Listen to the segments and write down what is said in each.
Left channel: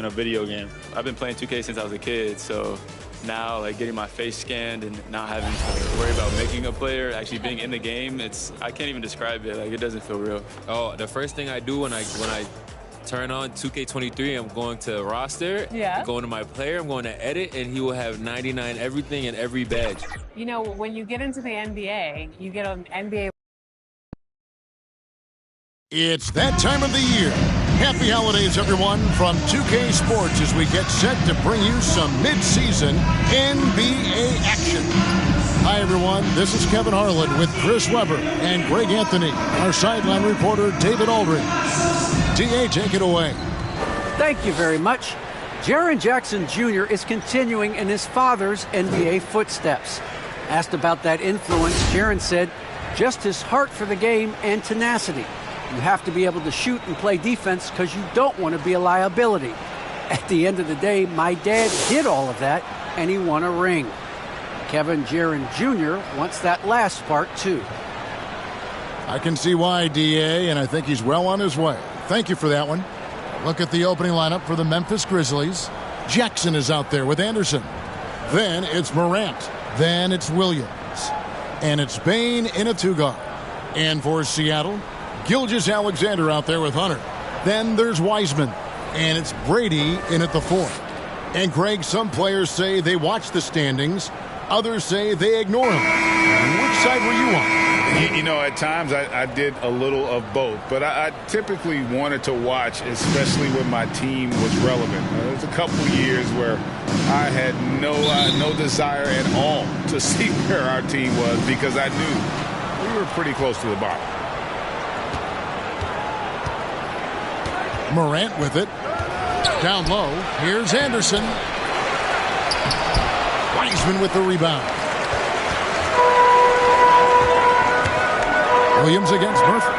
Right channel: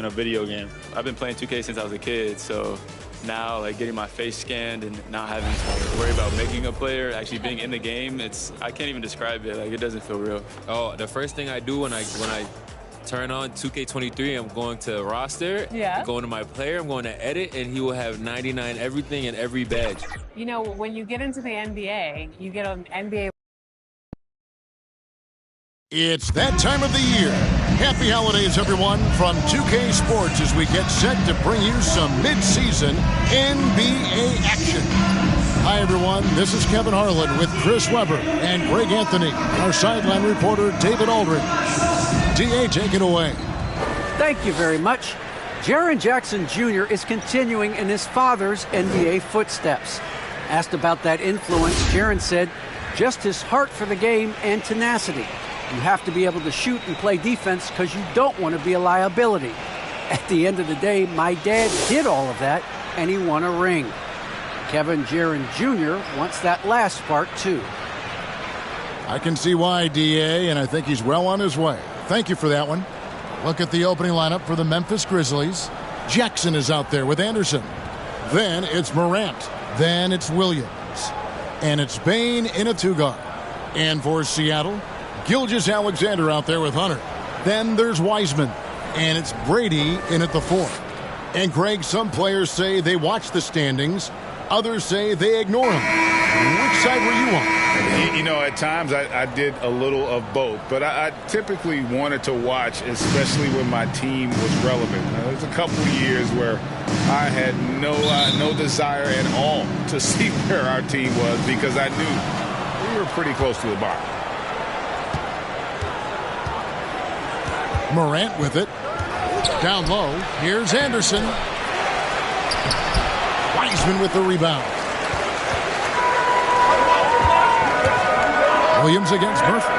in a video game. I've been playing 2K since I was a kid, so now like getting my face scanned and not having to worry about making a player, actually being in the game, I can't even describe it. Like, it doesn't feel real. Oh, the first thing I do when I turn on 2K23, I'm going to roster, going to my player, I'm going to edit, and he will have 99 everything and every badge. You know, when you get into the NBA, you get an NBA. It's that time of the year. Happy holidays, everyone, from 2K Sports as we get set to bring you some mid-season NBA action. Hi, everyone. This is Kevin Harlan with Chris Webber and Greg Anthony, our sideline reporter, David Aldridge. DA, take it away. Thank you very much. Jaren Jackson Jr. is continuing in his father's NBA footsteps. Asked about that influence, Jaren said, just his heart for the game and tenacity. You have to be able to shoot and play defense because you don't want to be a liability. At the end of the day, my dad did all of that, and he won a ring. Kevin Jaren Jr. wants that last part, too. I can see why, DA, and I think he's well on his way. Thank you for that one. Look at the opening lineup for the Memphis Grizzlies. Jackson is out there with Anderson. Then it's Morant. Then it's Williams. And it's Bane in a two-guard. And for Seattle, Gilgeous-Alexander out there with Hunter. Then there's Wiseman. And it's Brady in at the fourth. And, Greg, some players say they watch the standings. Others say they ignore them. Which side were you on? You know, at times I did a little of both. But I typically wanted to watch, especially when my team was relevant. There's a couple years where I had no desire at all to see where our team was because I knew we were pretty close to the bottom. Morant with it. Down low. Here's Anderson. Wiseman with the rebound. Williams against Murphy.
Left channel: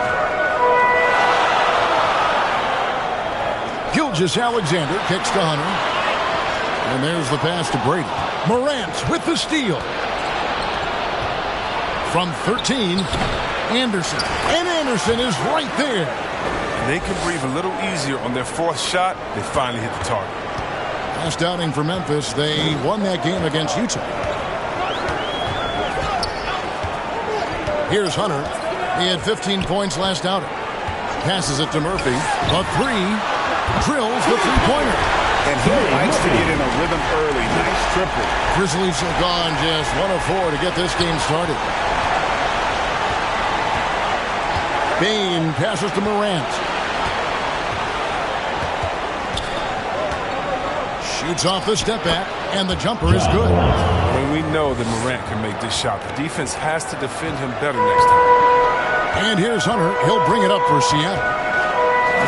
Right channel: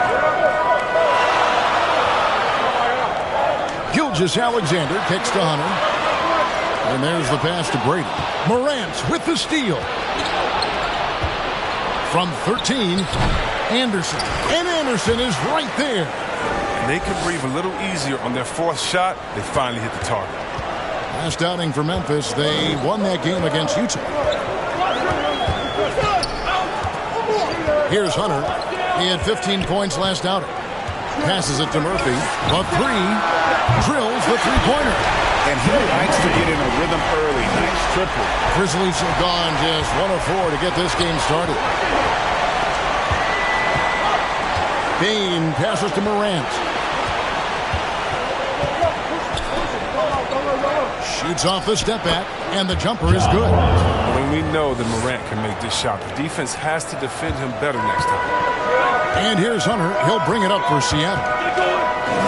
Gilgeous-Alexander kicks to Hunter. And there's the pass to Brady. Morant with the steal. From 13, Anderson. And Anderson is right there. They can breathe a little easier on their fourth shot. They finally hit the target. Last outing for Memphis, they won that game against Utah. Here's Hunter. He had 15 points last outing. Passes it to Murphy. A three. Drills the three-pointer. And he likes to get in a rhythm early. Nice triple. Grizzlies have gone just 1 of 4 to get this game started. Bane passes to Morant. Shoots off the step back, and the jumper is good. I mean, we know that Morant can make this shot. The defense has to defend him better next time. And here's Hunter. He'll bring it up for Seattle.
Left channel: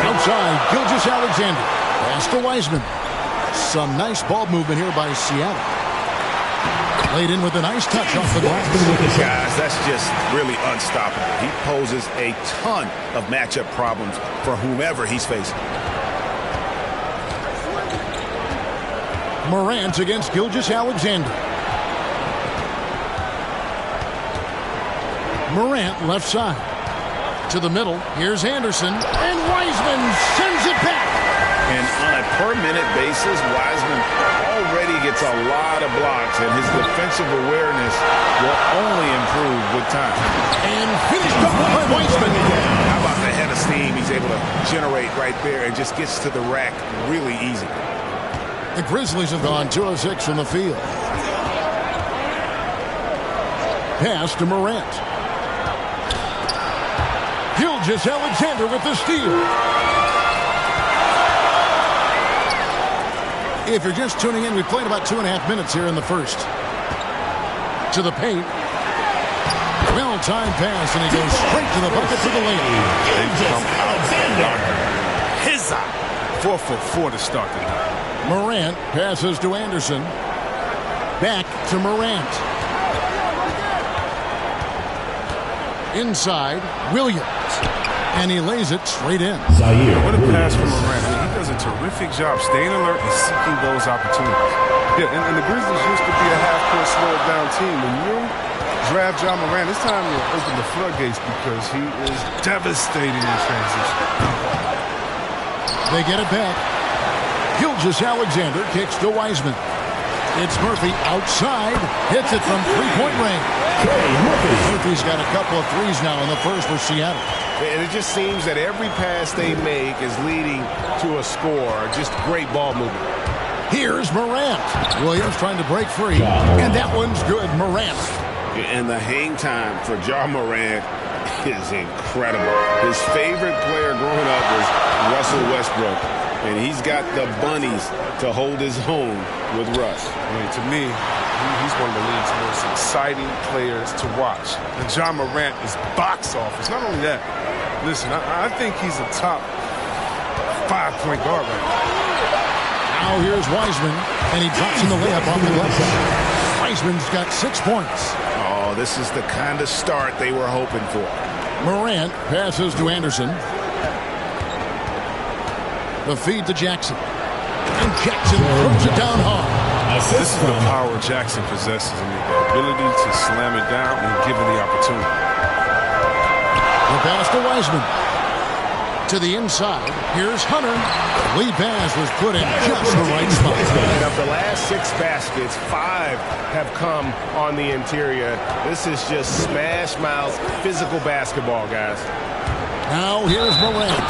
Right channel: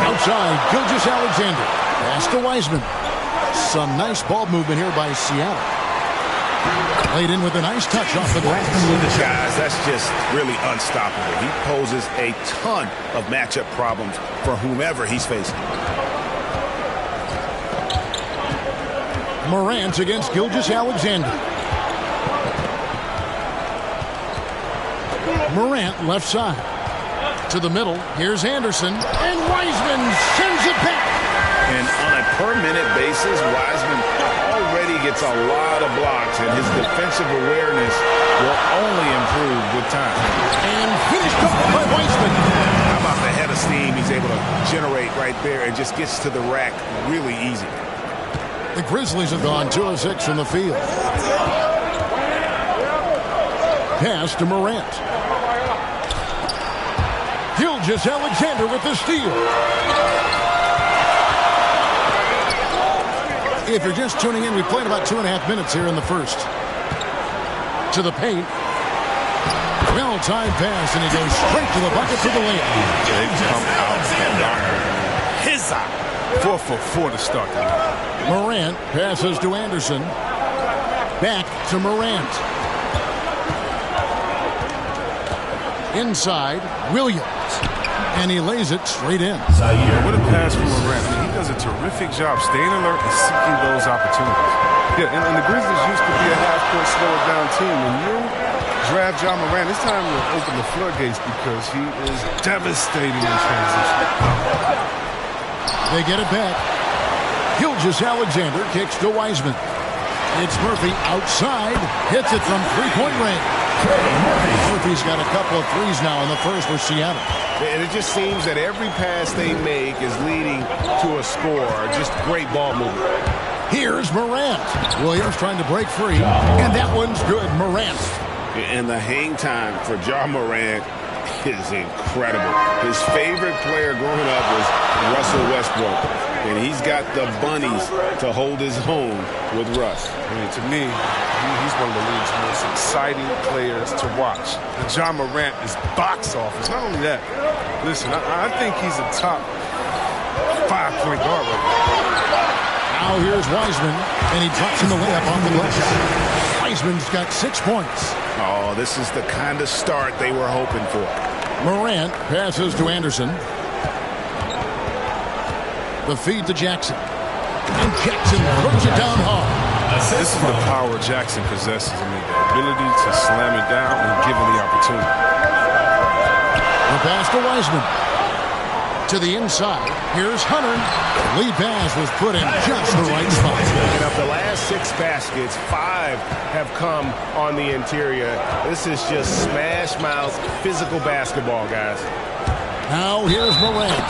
Outside, Gilgeous-Alexander. Pass to Wiseman. Some nice ball movement here by Seattle. Played in with a nice touch off the glass. Guys, that's just really unstoppable. He poses a ton of matchup problems for whomever he's facing. Morant against Gilgeous-Alexander. Morant left side. To the middle. Here's Anderson. And Wiseman sends it back. And on a per-minute basis, Wiseman already gets a lot of blocks, and his defensive awareness will only improve with time. And finished off by Wiseman. How about the head of steam he's able to generate right there and just gets to the rack really easy. The Grizzlies have gone 2 of 6 from the field. Pass to Morant. Gilgeous-Alexander with the steal. If you're just tuning in, we played about 2.5 minutes here in the first. To the paint. Well-timed pass, and he goes straight to the bucket for the layup. They've come out the locker. His eye. 4 for 4 to start the night. Morant passes to Anderson. Back to Morant. Inside, Williams. And he lays it straight in. What a pass from Morant. I mean, he does a terrific job staying alert and seeking those opportunities. Yeah, and the Grizzlies used to be a half-court slow-down team. When you draft John Morant, it's time to open the floodgates because he is devastating in transition. They get it back. Gilgeous-Alexander kicks to Wiseman. It's Murphy outside. Hits it from three-point range. Murphy's got a couple of threes now in the first for Seattle. And it just seems that every pass they make is leading to a score. Just great ball movement. Here's Morant. Williams trying to break free. And that one's good. Morant. And the hang time for Ja Morant is incredible. His favorite player growing up was Russell Westbrook. And he's got the bunnies to hold his own with Russ. I mean, to me, he's one of the league's most exciting players to watch. And Ja Morant is box office. Not only that, listen, I think he's a top 5-point guard right now. Now here's Wiseman, and he drops in the layup off the glass. Wiseman's got 6 points. Oh, this is the kind of start they were hoping for. Morant passes to Anderson. The feed to Jackson. And Jackson throws it down hard. This is the power Jackson possesses. I mean, the ability to slam it down when given the opportunity. The pass to Wiseman. To the inside. Here's Hunter. Lead pass was put in just the right spot. And of the last 6 baskets, 5 have come on the interior. This is just smash mouth physical basketball, guys. Now here's Morant.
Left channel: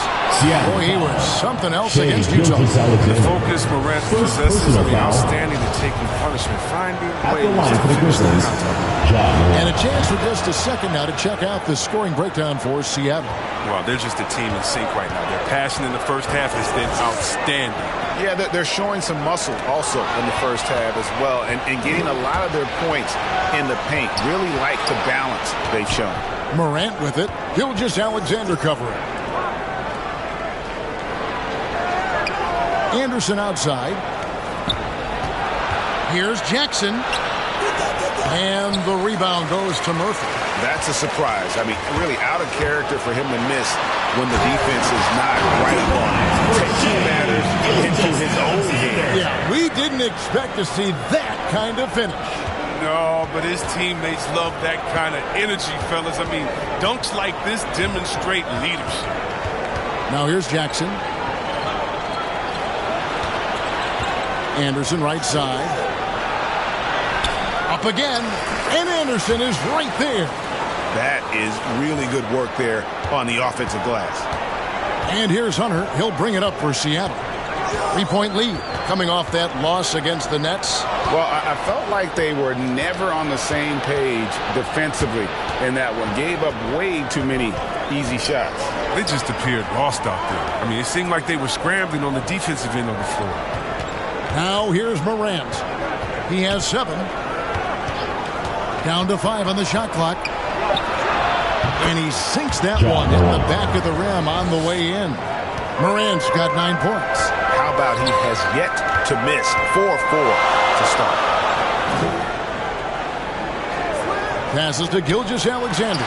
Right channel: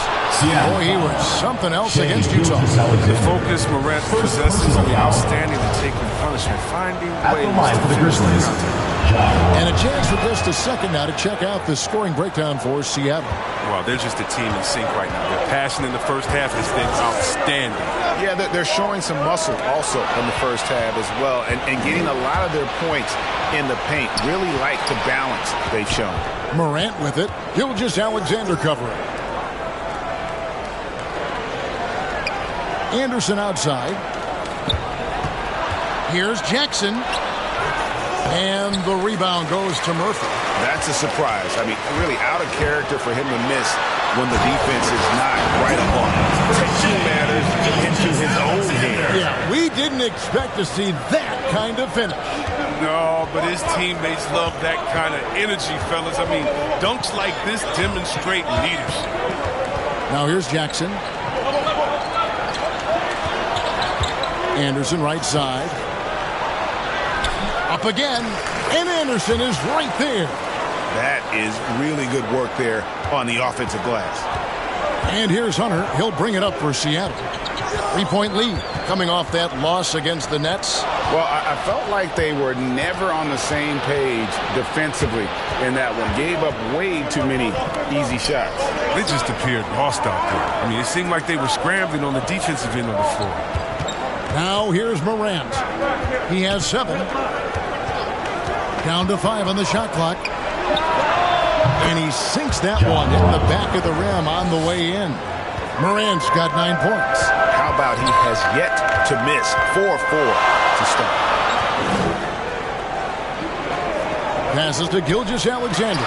Boy, he was something else against Utah. The focus Morant possesses, I mean, outstanding at taking punishment, finding ways to finish the contact. And a chance for just a second now to check out the scoring breakdown for Seattle. Well, they're just a team in sync right now. Their passion in the first half has been outstanding. Yeah, they're showing some muscle also in the first half as well, and getting a lot of their points in the paint. Really like the balance they've shown. Morant with it. Gilgeous-Alexander covering. Anderson outside. Here's Jackson. And the rebound goes to Murphy. That's a surprise. I mean, really out of character for him to miss when the defense is not right up on him. Taking matters into his own hands. Yeah, we didn't expect to see that kind of finish. No, but his teammates love that kind of energy, fellas. I mean, dunks like this demonstrate leadership. Now here's Jackson. Anderson right side. Up again, and Anderson is right there. That is really good work there on the offensive glass. And here's Hunter. He'll bring it up for Seattle. 3-point lead coming off that loss against the Nets. Well, I felt like they were never on the same page defensively in that one. Gave up way too many easy shots. They just appeared lost out there. I mean, it seemed like they were scrambling on the defensive end of the floor. Now here's Morant. He has 7. Down to 5 on the shot clock. And he sinks that one, hitting the back of the rim on the way in. Morant's got 9 points. How about he has yet to miss 4-4 to start. Passes to Gilgeous-Alexander.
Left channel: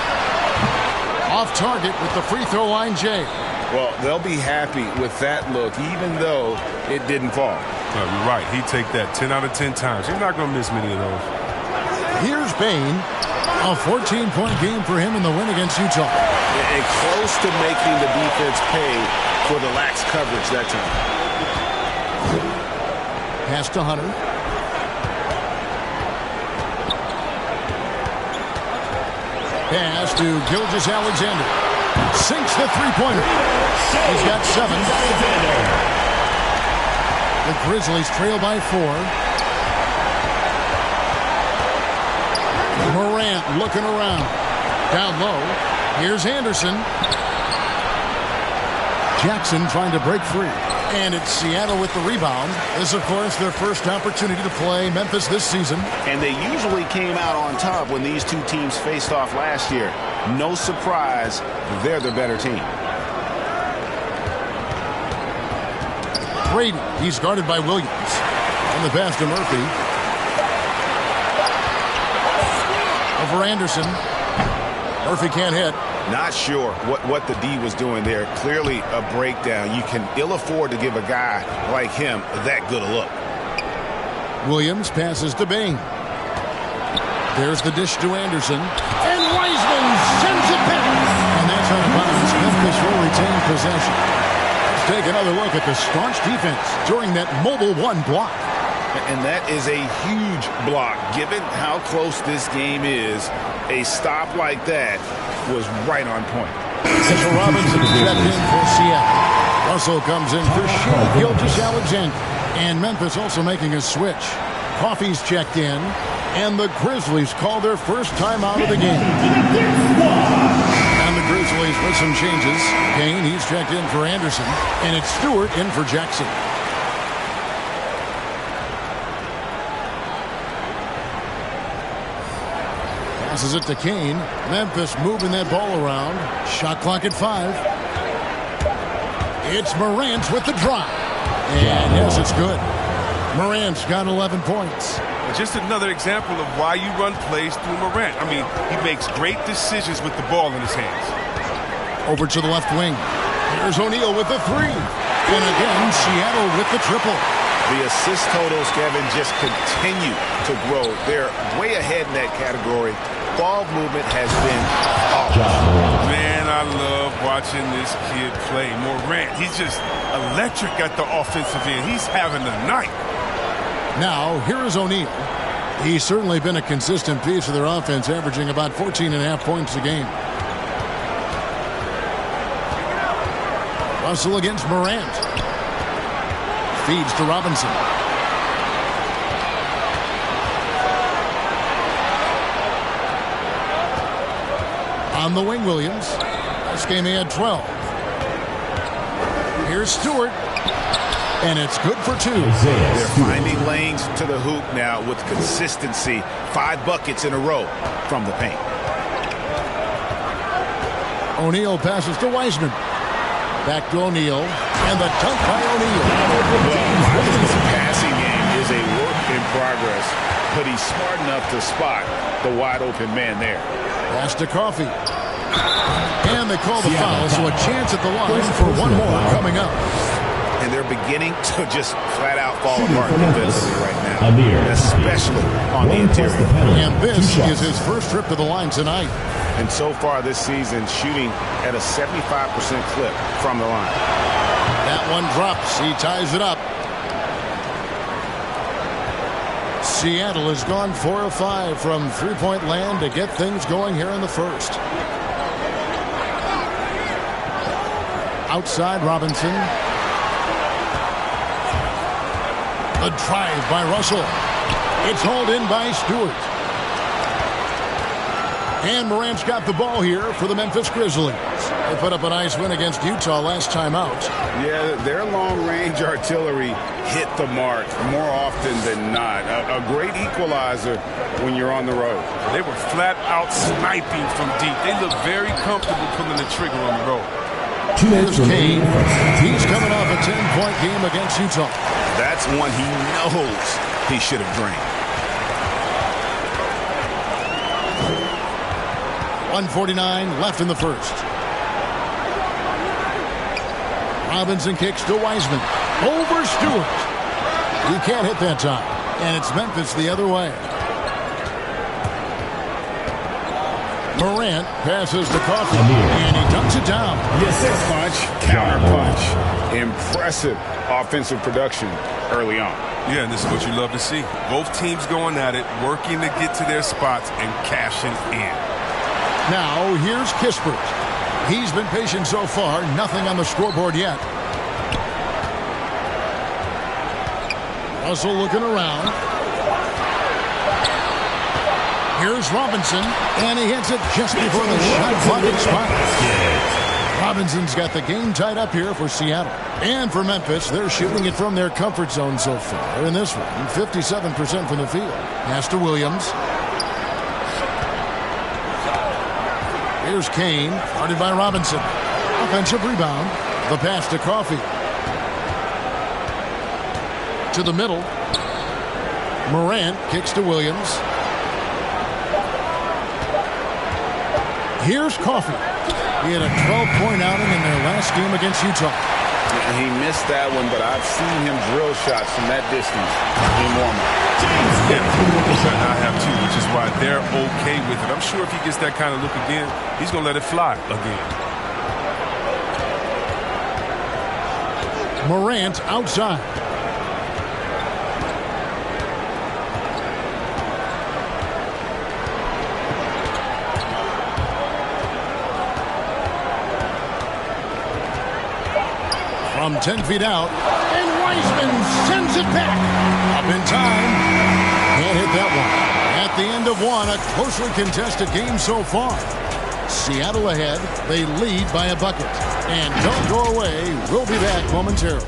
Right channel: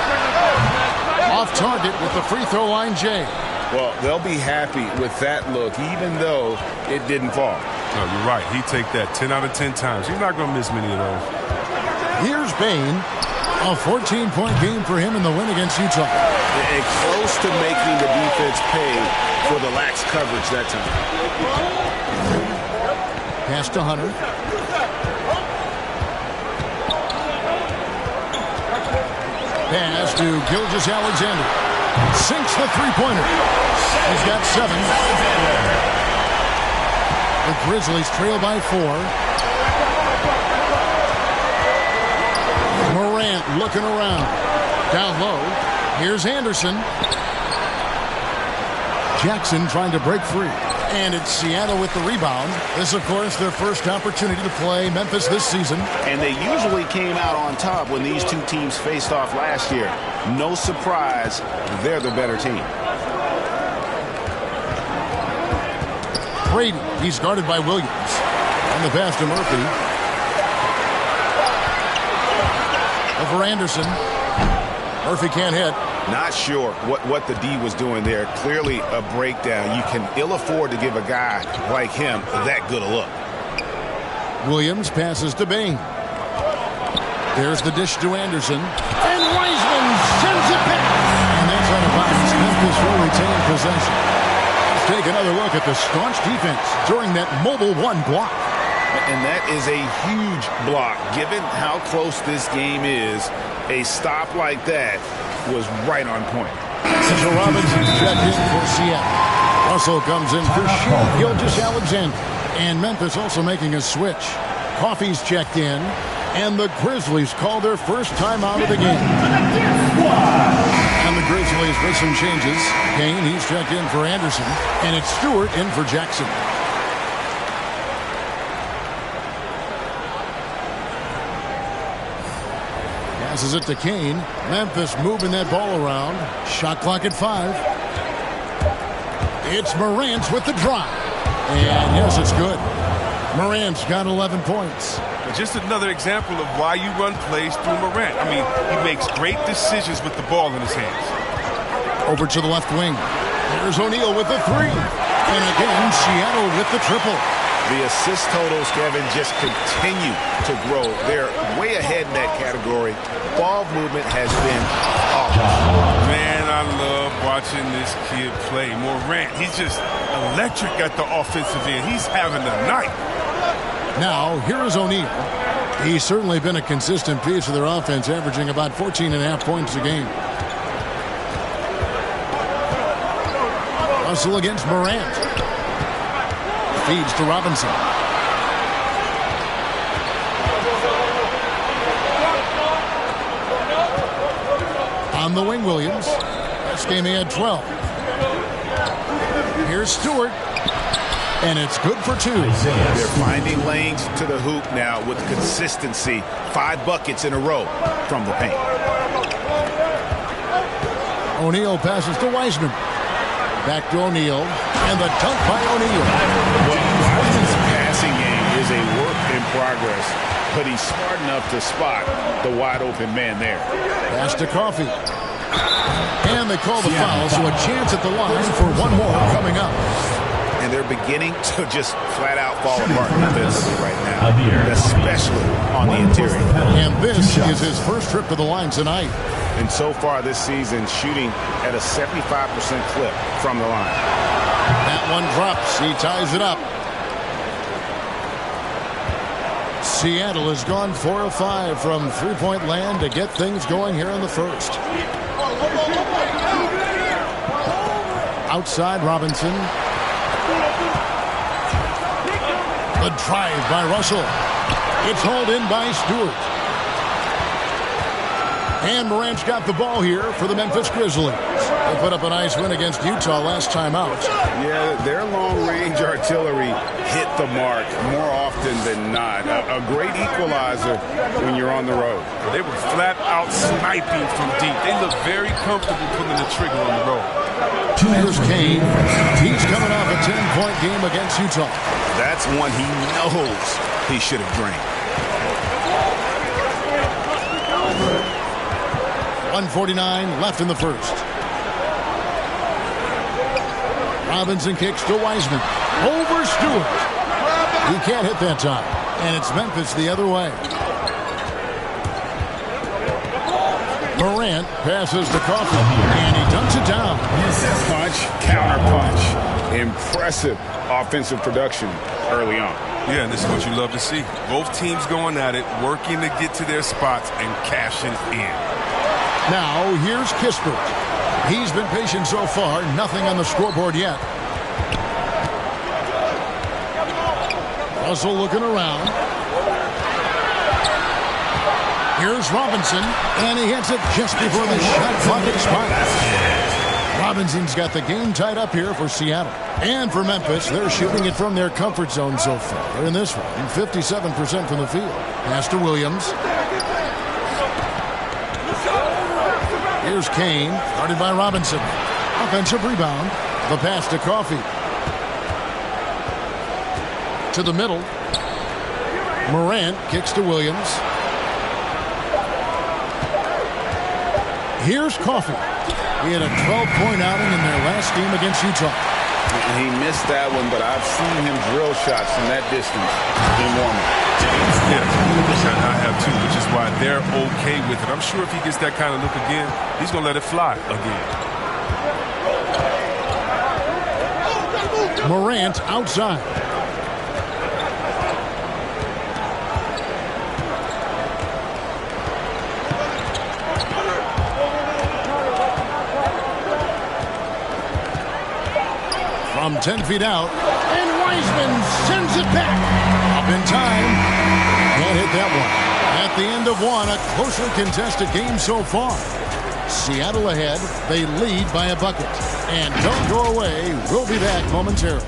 Off target with the free throw line, Jay. Well, they'll be happy with that look, even though it didn't fall. No, you're right. He'd take that 10 out of 10 times. He's not going to miss many of those. Here's Bain. A 14-point game for him in the win against Utah. And close to making the defense pay for the lax coverage that time. Pass to Hunter. Pass to Gilgeous-Alexander. Sinks the three-pointer. He's got 7. The Grizzlies trail by 4. Morant looking around. Down low. Here's Anderson. Jackson trying to break free. And it's Seattle with the rebound. This, of course, their first opportunity to play Memphis this season. And they usually came out on top when these two teams faced off last year. No surprise, they're the better team. Brady, he's guarded by Williams. And the pass to Murphy. Over Anderson. Murphy can't hit. Not sure what the D was doing there. Clearly a breakdown. You can ill afford to give a guy like him that good a look. Williams passes to Bain. There's the dish to Anderson. And Wiseman sends it back. And that's out of bounds. Memphis will retain possession. That's take another look at the staunch defense during that mobile one block. And that is a huge block. Given how close this game is, a stop like that was right on point. Mitchell Robinson's checked in for Seattle. Russell comes in for Shea Gilgeous-Alexander. And Memphis also making a switch. Coffey's checked in. And the Grizzlies call their first time out of the game. And the Grizzlies with some changes. Kane, he's checked in for Anderson. And it's Stewart in for Jackson. Passes it to Kane. Memphis moving that ball around. Shot clock at 5. It's Morant with the drive. And yes, it's good. Morant's got 11 points. Just another example of why you run plays through Morant. I mean, he makes great decisions with the ball in his hands. Over to the left wing. There's O'Neal with the 3. And again, Seattle with the triple. The assist totals, Kevin, just continue to grow. They're way ahead in that category. Ball movement has been awesome. Man, I love watching this kid play. Morant, he's just electric at the offensive end. He's having a night. Now, here is O'Neal. He's certainly been a consistent piece of their offense, averaging about 14.5 points a game. Russell against Morant. Feeds to Robinson. On the wing, Williams. Last game he had 12. Here's Stewart. And it's good for 2. They're finding lanes to the hoop now with consistency. 5 buckets in a row from the paint. O'Neal passes to Wiseman. Back to O'Neal. And the dunk by O'Neal. Well, Wiseman's passing game is a work in progress, but he's smart enough to spot the wide open man there. Pass to Coffey. And they call the foul, so a chance at the line for one more coming up. And they're beginning to just flat out fall apart defensively right now, especially on the interior. And this is his first trip to the line tonight. And so far this season, shooting at a 75% clip from the line. That one drops. He ties it up. Seattle has gone 4 of 5 from three-point land to get things going here in the first. Outside Robinson. The drive by Russell. It's hauled in by Stewart. And Morant's got the ball here for the Memphis Grizzlies. They put up a nice win against Utah last time out. Yeah, their long-range artillery hit the mark more often than not. A great equalizer when you're on the road. They were flat out sniping from deep. They look very comfortable pulling the trigger on the road. Here's Kane. He's coming off a 10-point game against Utah. That's one he knows he should have drained. 1:49 left in the first. Robinson kicks to Wiseman. Over Stewart. He can't hit that time. And it's Memphis the other way. Morant passes to Coffey. And he dunks it down. Punch, counter punch. Impressive offensive production early on. Yeah, and this is what you love to see. Both teams going at it, working to get to their spots and cashing in. Now, here's Kispert. He's been patient so far. Nothing on the scoreboard yet. Russell looking around. Here's Robinson, and he hits it just before the shot clock expires. Robinson's got the game tied up here for Seattle. And for Memphis, they're shooting it from their comfort zone so far. In this one, 57% from the field. Pass to Williams. Here's Kane, guarded by Robinson. Offensive rebound. The pass to Coffey. To the middle. Morant kicks to Williams. Here's Coffey. He had a 12-point outing in their last game against Utah. He missed that one, but I've seen him drill shots from that distance in warm-up. Yeah, I have too, which is why they're okay with it. I'm sure if he gets that kind of look again, he's going to let it fly again. Morant outside. From 10 feet out, and Wiseman sends it back. Up in time. Can't hit that one. At the end of one, a closely contested game so far. Seattle ahead. They lead by a bucket. And don't go away. We'll be back momentarily.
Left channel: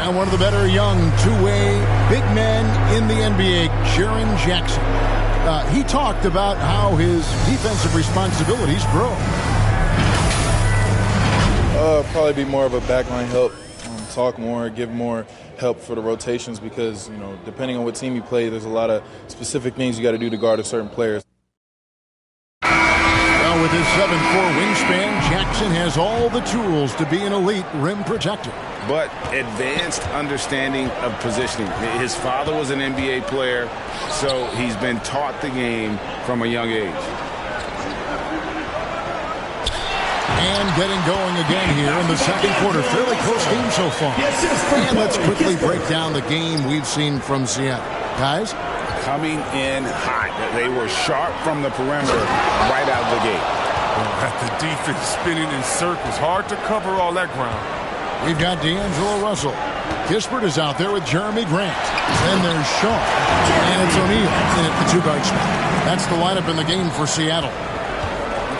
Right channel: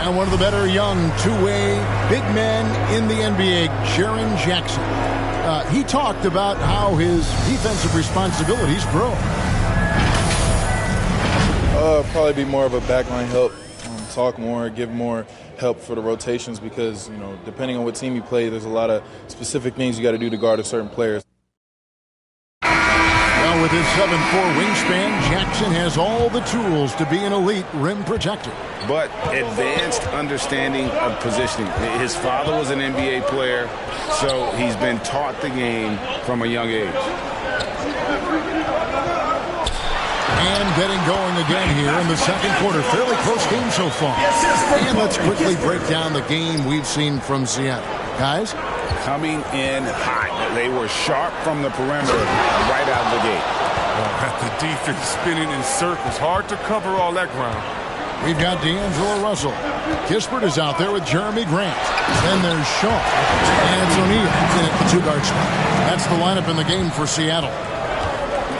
And one of the better young two-way big men in the NBA, Jaren Jackson. He talked about how his defensive responsibilities grow. Probably be more of a backline help, talk more, give more help for the rotations because, you know, depending on what team you play, there's a lot of specific things you got to do to guard a certain player. Well, with his 7'4" wingspan, Jackson has all the tools to be an elite rim protector. But advanced understanding of positioning. His father was an NBA player, so he's been taught the game from a young age. And getting going again here in the second quarter. Fairly close game so far. And let's quickly break down the game we've seen from Seattle. Guys? Coming in hot. They were sharp from the perimeter right out of the gate. At the defense spinning in circles. Hard to cover all that ground. We've got D'Angelo Russell. Kispert is out there with Jeremy Grant. Then there's Shaw. And it's O'Neal in at the two-guard spot. That's the lineup in the game for Seattle.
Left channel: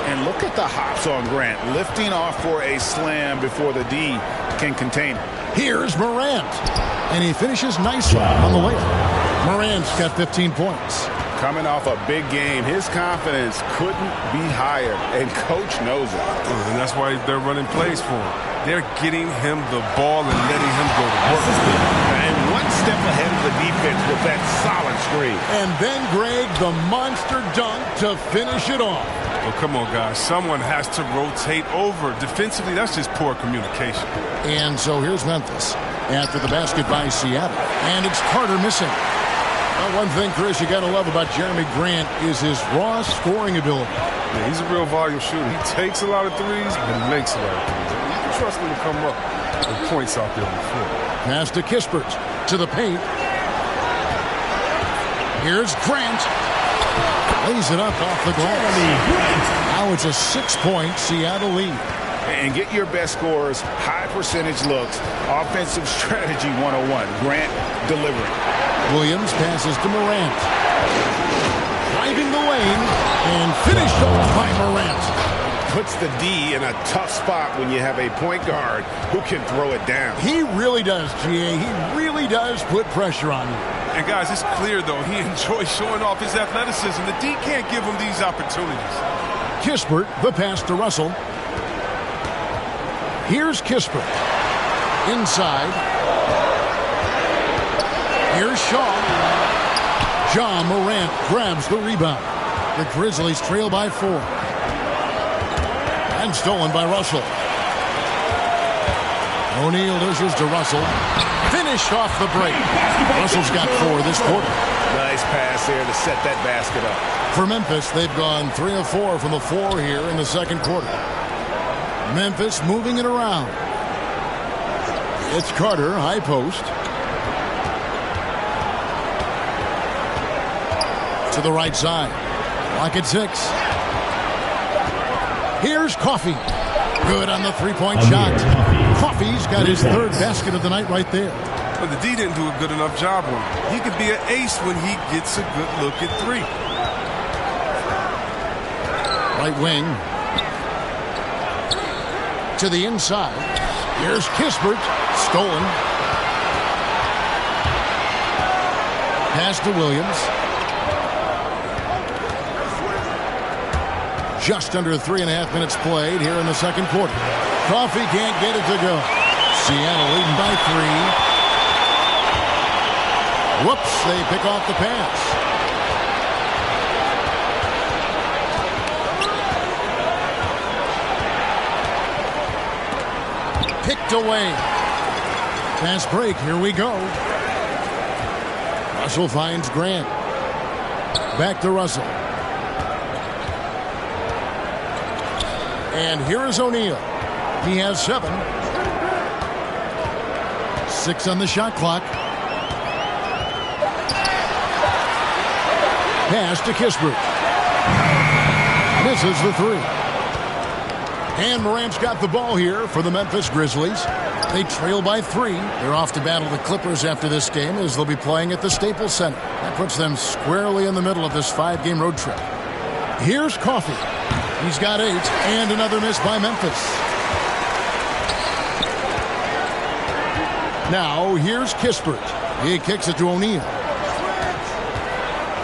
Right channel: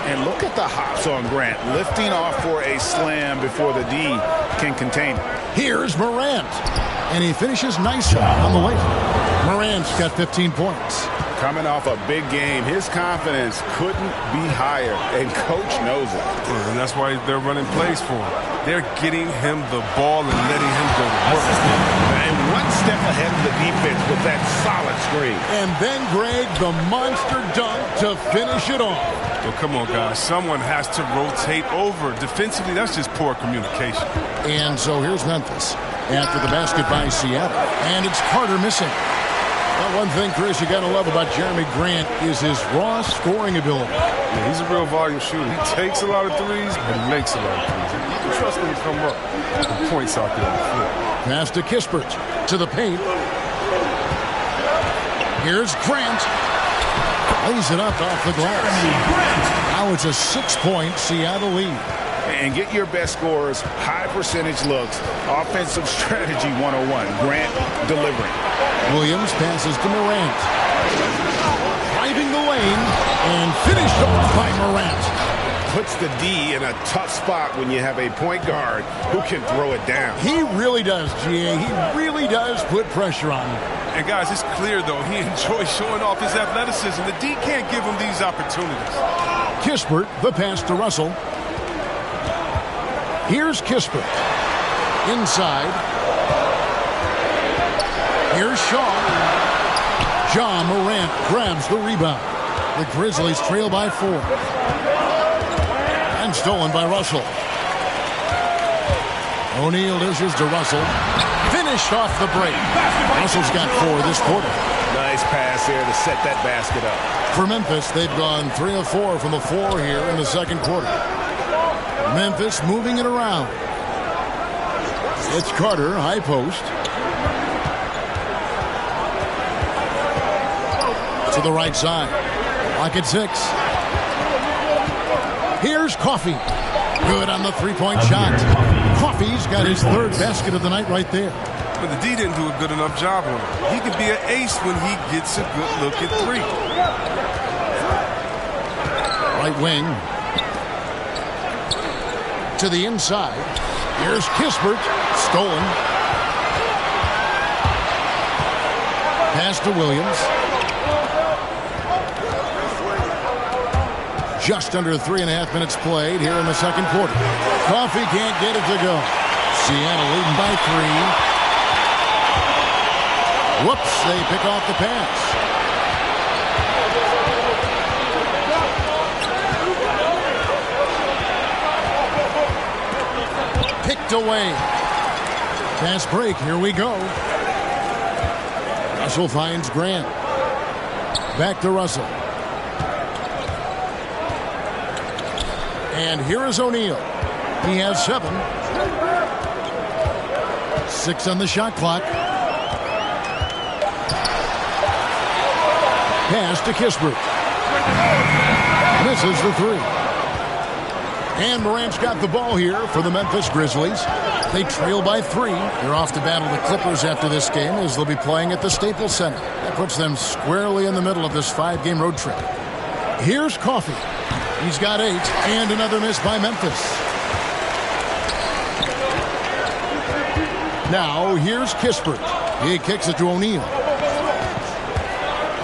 And look at the hops on Grant. Lifting off for a slam before the D can contain it. Here's Morant. And he finishes nicely on the layup. Morant's got 15 points. Coming off a big game, his confidence couldn't be higher, and coach knows it. And that's why they're running plays for him. They're getting him the ball and letting him go to work. And one step ahead of the defense with that solid screen. And then, Greg, the monster dunk to finish it off. Well, come on, guys. Someone has to rotate over. Defensively, that's just poor communication. And so here's Memphis after the basket by Seattle. And it's Carter missing. Well, one thing, Chris, you got to love about Jeremy Grant is his raw scoring ability. Yeah, he's a real volume shooter. He takes a lot of threes, but he makes a lot of threes. I mean, you can trust him to come up with points out there on the floor. Pass to Kispert to the paint. Here's Grant. Lays it up off the glass. Now it's a 6-point Seattle lead. And get your best scorers, high percentage looks, offensive strategy 101. Grant delivering. Williams passes to Morant. Driving the lane and finished off by Morant. Puts the D in a tough spot when you have a point guard who can throw it down. He really does, GA. He really does put pressure on you. And guys, it's clear, though, he enjoys showing off his athleticism. The D can't give him these opportunities. Kispert, the pass to Russell. Here's Kispert. Inside. Here's Shaw. Ja Morant grabs the rebound. The Grizzlies trail by 4. And stolen by Russell. O'Neal dishes to Russell. Finished off the break. Russell's got 4 this quarter. Nice pass here to set that basket up. For Memphis, they've gone 3 of 4 from the floor here in the second quarter. Memphis moving it around. It's Carter, high post. To the right side. Lock at 6. Here's Coffey. Good on the three-point shot. Coffey's got his 3rd basket of the night right there. But the D didn't do a good enough job on him. He could be an ace when he gets a good look at 3. Right wing. To the inside. Here's Kispert. Stolen. Pass to Williams. Just under 3.5 minutes played here in the second quarter. Coffey can't get it to go. Seattle leading by 3. Whoops, they pick off the pass. picked away. Fast break, here we go. Russell finds Grant. Back to Russell. And here is O'Neal. He has 7. 6 on the shot clock. Pass to Kispert. Misses the 3. And Morant's got the ball here for the Memphis Grizzlies. They trail by 3. They're off to battle the Clippers after this game as they'll be playing at the Staples Center. That puts them squarely in the middle of this 5-game road trip. Here's Coffey. He's got 8, and another miss by Memphis. Now, here's Kispert. He kicks it to O'Neal.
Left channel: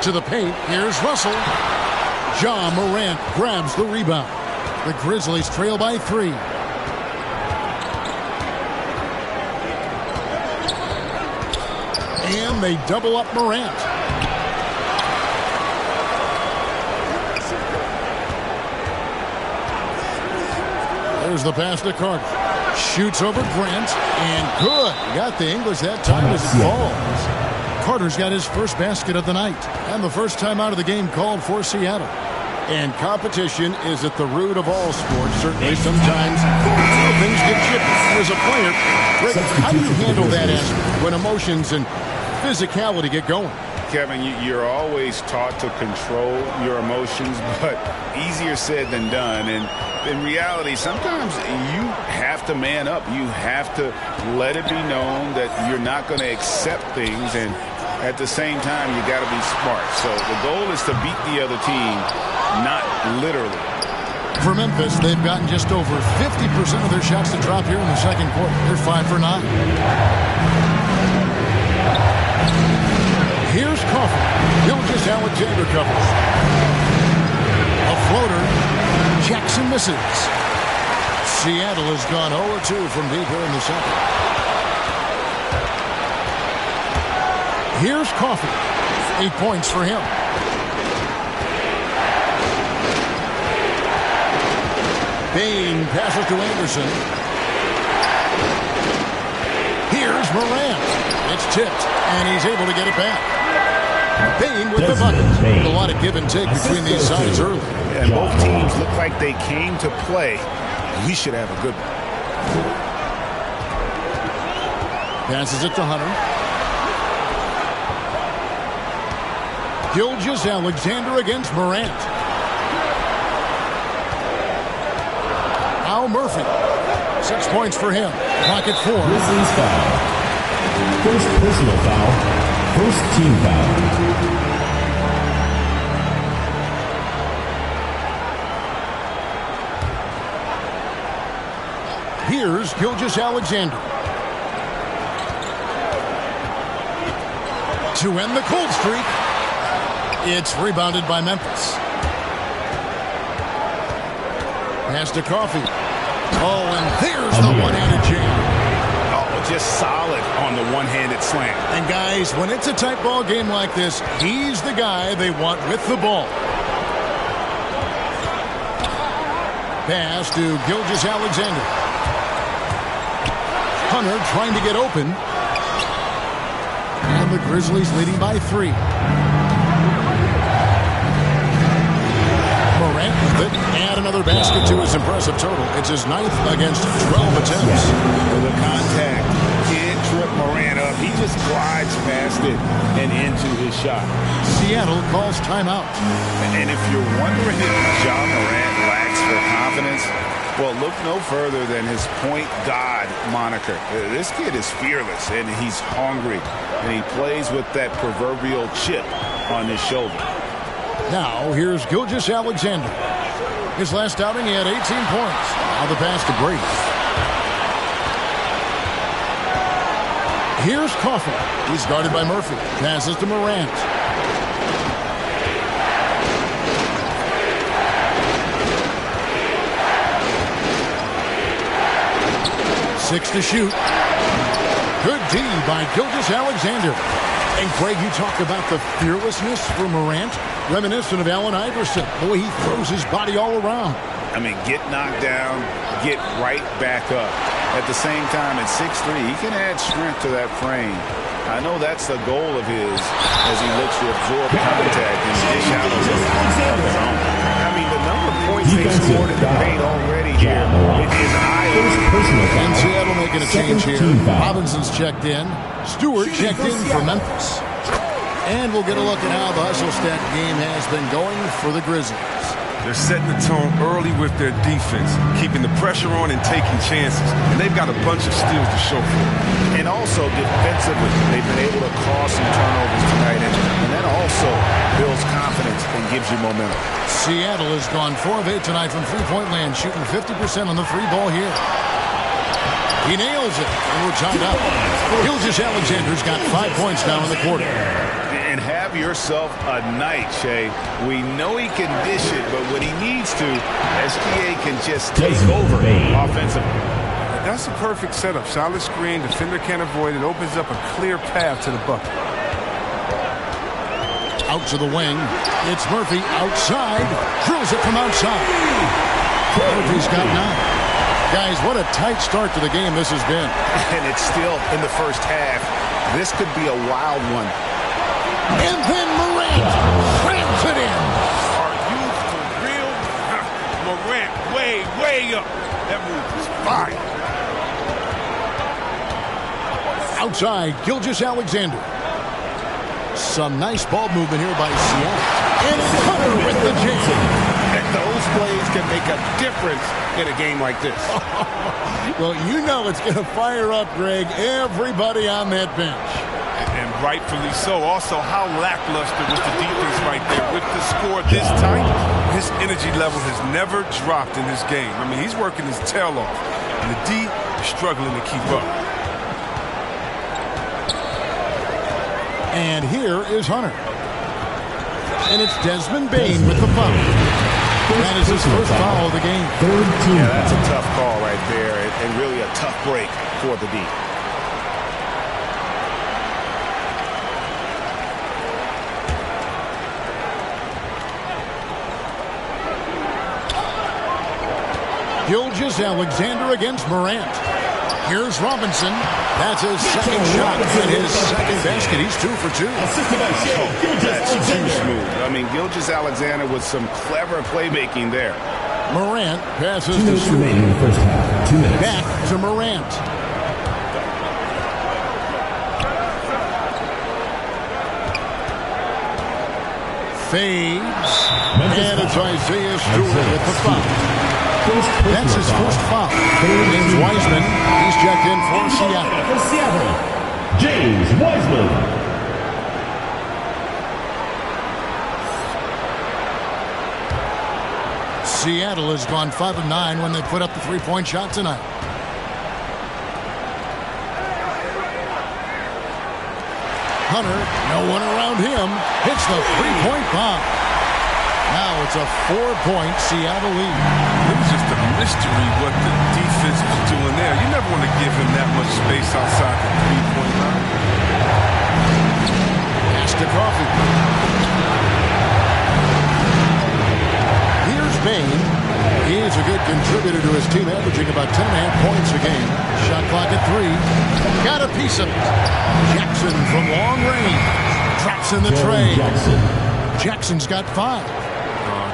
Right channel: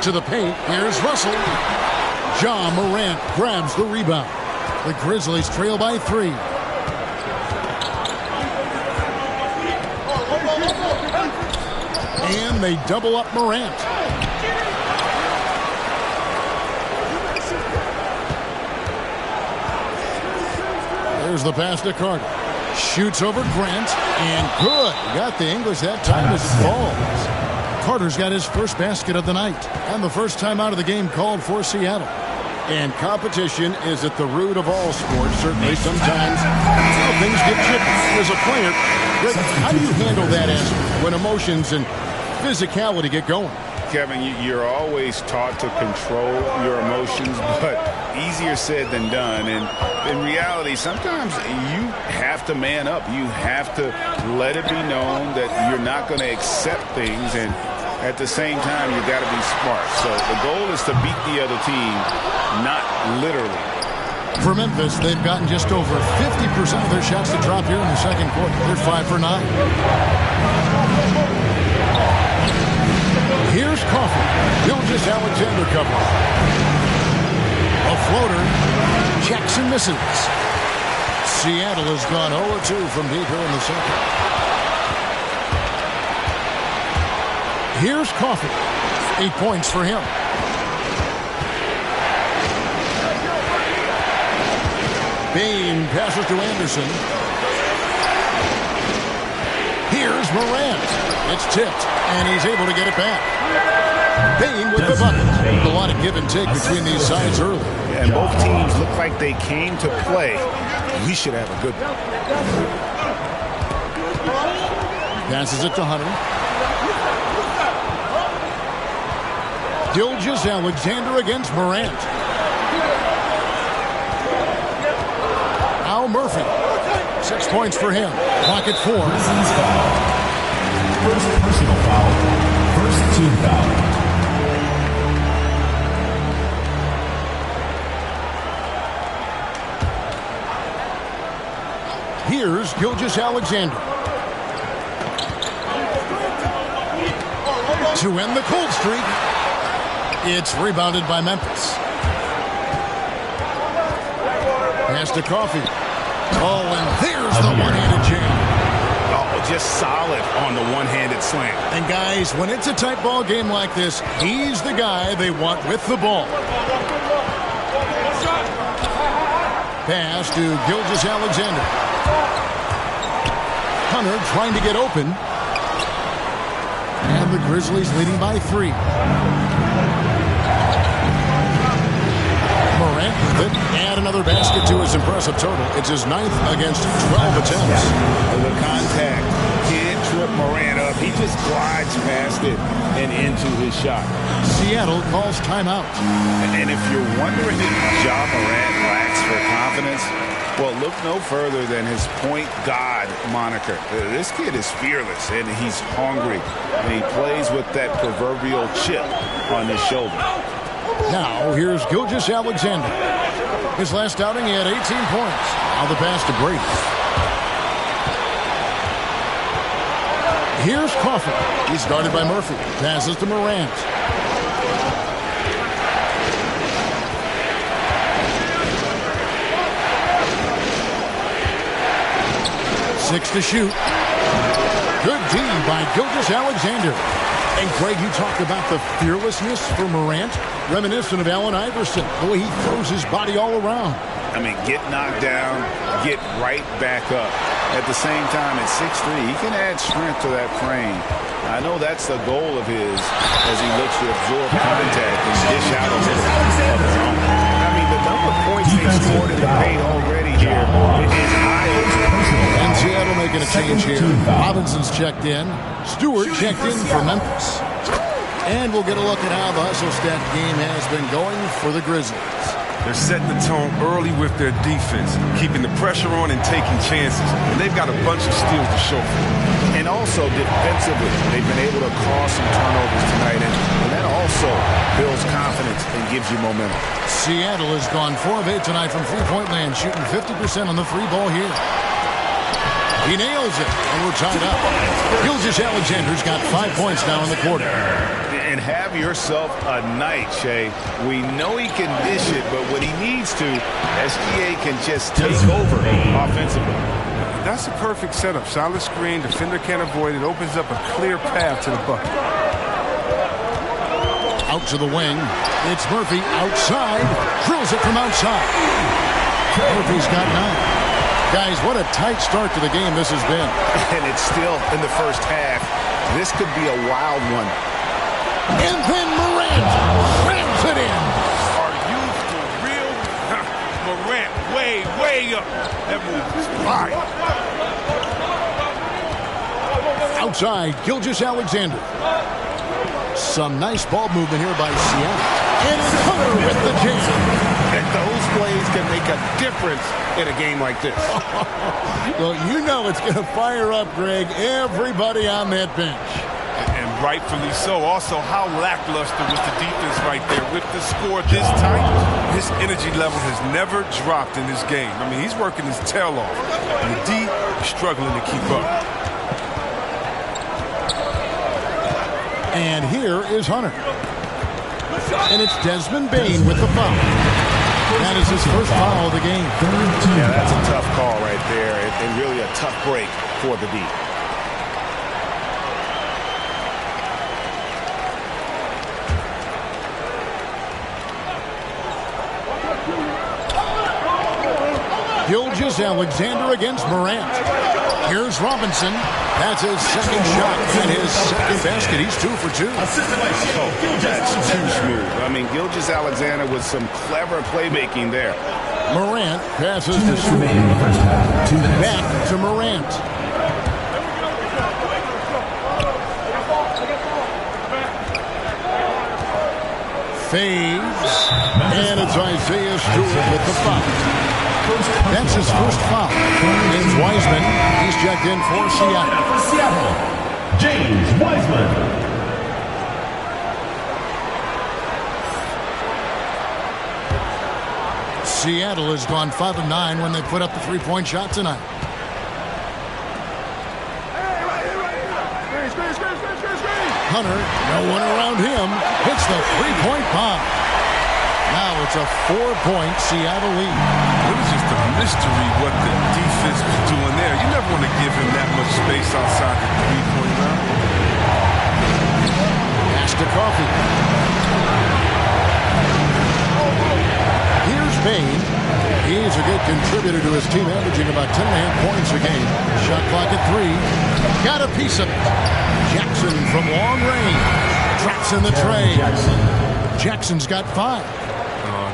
To the paint, here's Russell. Ja Morant grabs the rebound. The Grizzlies trail by 3. And they double up Morant. There's the pass to Carter. Shoots over Grant, and good. He got the English that time as it falls. Carter's got his first basket of the night, and the first time out of the game called for Seattle. And competition is at the root of all sports. Certainly, sometimes things get chippy. As a player, Greg, how do you handle that aspect when emotions and physicality get going? Kevin, you're always taught to control your emotions, but easier said than done. And in reality, sometimes you have to man up. You have to let it be known that you're not going to accept things. And at the same time, you got to be smart. So the goal is to beat the other team, not literally. For Memphis, they've gotten just over 50% of their shots to drop here in the second quarter. They're 5 for 9. Here's Coffey. Gilgeous-Alexander covers. A floater. Jackson misses. Seattle has gone 0-2 from deep here in the second. Here's Coffey. 8 points for him. Bain passes to Anderson. Here's Morant. It's tipped, and he's able to get it back. Bain with the bucket. A lot of give and take between these sides early. Yeah, and both teams look like they came to play. We should have a good one. Passes it to Hunter. Gilgeous-Alexander against Morant. Al Murphy. 6 points for him. Clock at 4. Grizzlies foul. First personal foul. First team foul. Here's Gilgeous-Alexander. To end the cold streak. It's rebounded by Memphis. Pass to Coffey. Oh, and there's the one-handed jam. Oh, just solid on the one-handed slam. And guys, when it's a tight ball game like this, he's the guy they want with the ball. Pass to Gilgeous-Alexander. Hunter trying to get open. And the Grizzlies leading by 3. Morant with it. Add another basket to his impressive total. It's his 9th against 12 attempts. The contact can't trip Morant up. He just glides past it and into his shot. Seattle calls timeout. And if you're wondering if Ja Morant lacks for confidence, well, look no further than his point guard moniker. This kid is fearless, and he's hungry, and he plays with that proverbial chip on his shoulder. Now, here's Gilgeous-Alexander. His last outing, he had 18 points. Now the pass to Brady. Here's Coffey. He's guarded by Murphy. Passes to Morant. Six to shoot. Good D by Gilgeous-Alexander. And Greg, you talk about the fearlessness for Morant, reminiscent of Allen Iverson, the way he throws his body all around. I mean, get knocked down, get right back up. At the same time, at 6'3", he can add strength to that frame. I know that's the goal of his as he looks to absorb contact and dish out of his own. I mean, the number of points they've scored in the paint already here is eye-opening. And Seattle making a change here. Robinson's checked in. Stewart checked in for Memphis. And we'll get a look at how the hustle stat game has been going for the Grizzlies. They're setting the tone early with their defense, keeping the pressure on and taking chances. And they've got a bunch of steals to show for it. And also defensively, they've been able to cause some turnovers tonight. And that also builds confidence and gives you momentum. Seattle has gone 4 of 8 tonight from three-point land, shooting 50% on the three ball here. He nails it, and we're tied up. Gilgeous-Alexander's got 5 points now in the quarter. And have yourself a night, Shea. We know he can dish it, but when he needs to, SGA can just take over offensively. That's a perfect setup. Solid screen, defender can't avoid it. Opens up a clear path to the bucket. Out to the wing. It's Murphy outside. Drills it from outside. Murphy's got 9. Guys, what a tight start to the game this has been. And it's still in the first half. This could be a wild one. And then Morant slams it in. Are you for real? Morant way up. That move is fire. Outside, Gilgeous-Alexander. Some nice ball movement here by Seattle. And it's Hunter with the jam. And those plays can make a difference in a game like this. Well, you know it's going to fire up, Greg, everybody on that bench. And rightfully so. Also, how lackluster was the defense right there. With the score this tight, his energy level has never dropped in this game. I mean, he's working his tail off. And the D is struggling to keep up. And here is Hunter. And it's Desmond Bane with the foul. That is his first foul of the game. Yeah, that's a tough call right there, and really a tough break for the D. Gilgeous-Alexander against Morant. Here's Robinson. That's his second shot and his second basket. He's 2 for 2. Oh, that's too smooth. I mean, Gilgeous-Alexander with some clever playmaking there. Morant passes to Stewart. In the first half. 2 minutes. Back to Morant. Fades. And it's Isaiah Stewart with the foul. That's his first foul. James Wiseman. He's checked in for Seattle. For Seattle, James Wiseman. Seattle has gone 5 of 9 when they put up the three-point shot tonight. Hunter, no one around him, hits the three-point bomb. Now it's a 4-point Seattle lead. It was just a mystery what the defense was doing there. You never want to give him that much space outside the three-point line. Pass to Coffee. Here's Bane. He's a good contributor to his team, averaging about 10.5 points a game. Shot clock at 3. Got a piece of it. Jackson from long range. Drops in the tray. Jackson's got 5.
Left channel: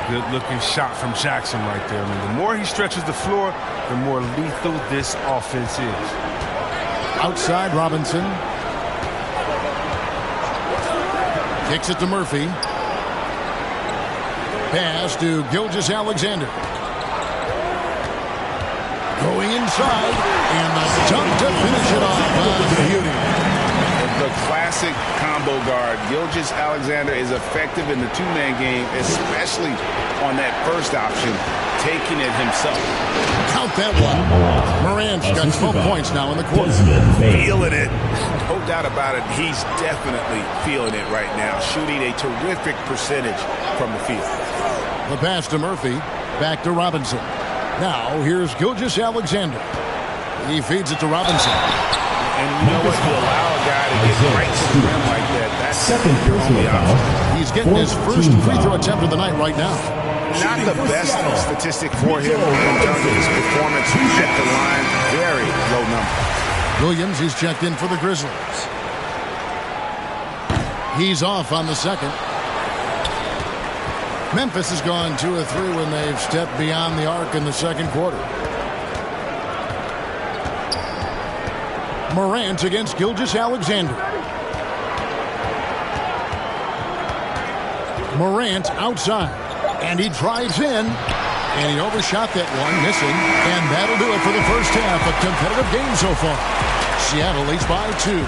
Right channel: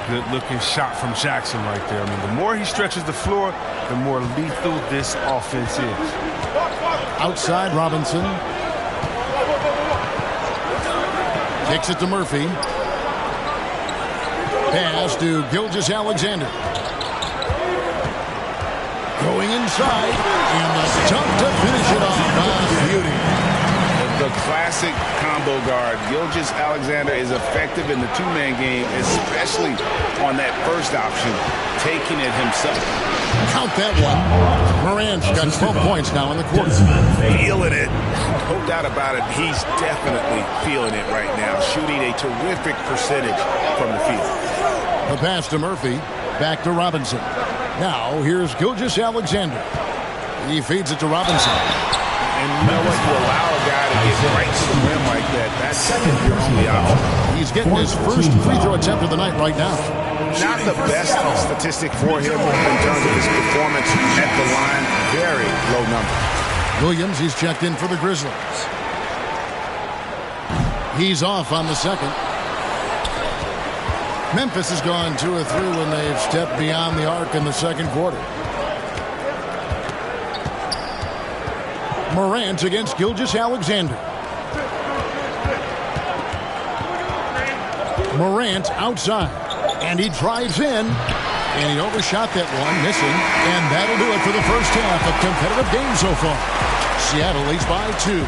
Good-looking shot from Jackson right there. I mean, the more he stretches the floor, the more lethal this offense is. Outside, Robinson. Kicks it to Murphy. Pass to Gilgeous-Alexander. Going inside, and the dunk to finish it off. Beauty. The classic combo guard. Gilgeous-Alexander is effective in the two-man game, especially on that first option, taking it himself. Count that one. Morant's got 12 points now in the quarter. Feeling it. No doubt about it. He's definitely feeling it right now. Shooting a terrific percentage from the field. The pass to Murphy. Back to Robinson. Now here's Gilgeous-Alexander. He feeds it to Robinson. And you know what? You allow a guy to get right to the rim like that. That's your only option. He's getting his first free throw attempt of the night right now. Not the best statistic for him in terms of his performance at the line. Very low number. Williams, he's checked in for the Grizzlies. He's off on the second. Memphis has gone 2 of 3 when they've stepped beyond the arc in the second quarter. Morant against Gilgeous-Alexander. Morant outside, and he drives in, and he overshot that one, missing, and that'll do it for the first half. A competitive game so far. Seattle leads by 2,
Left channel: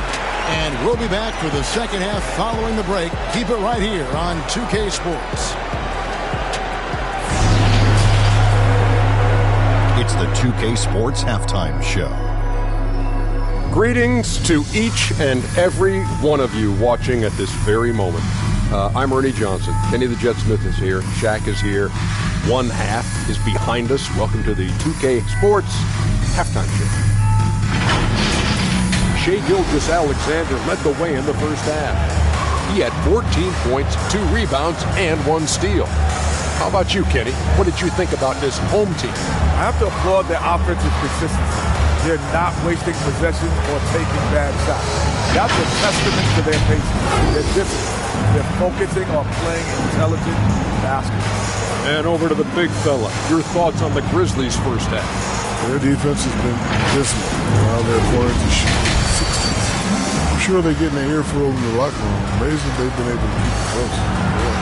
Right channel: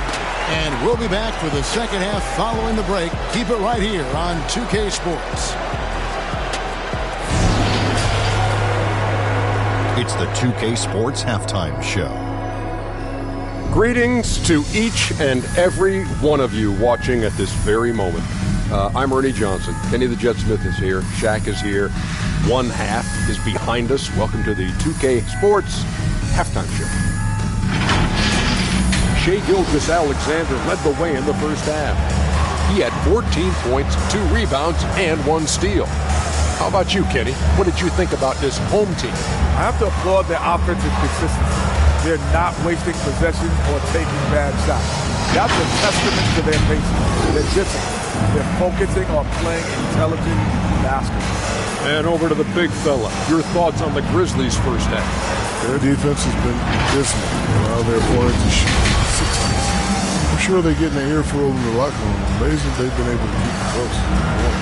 and we'll be back for the second half following the break. Keep it right here on 2K Sports. It's the 2K Sports Halftime Show. Greetings to each and every one of you watching at this very moment. I'm Ernie Johnson. Kenny the Jet Smith is here. Shaq is here. One half is behind us. Welcome to the 2K Sports Halftime Show. Shai Gilgeous-Alexander led the way in the first half. He had 14 points, 2 rebounds, and 1 steal. How about you, Kenny? What did you think about this home team? I have to applaud their offensive consistency. They're not wasting possessions or taking bad shots. That's a testament to their patience, their discipline. They're focusing on playing intelligent basketball. And over to the big fella. Your thoughts on the Grizzlies' first half? Their defense has been dismal. Well, their opponents are shooting 60s. I'm sure they're getting an earful in the locker room. Amazing they've been able to keep it close. Boy.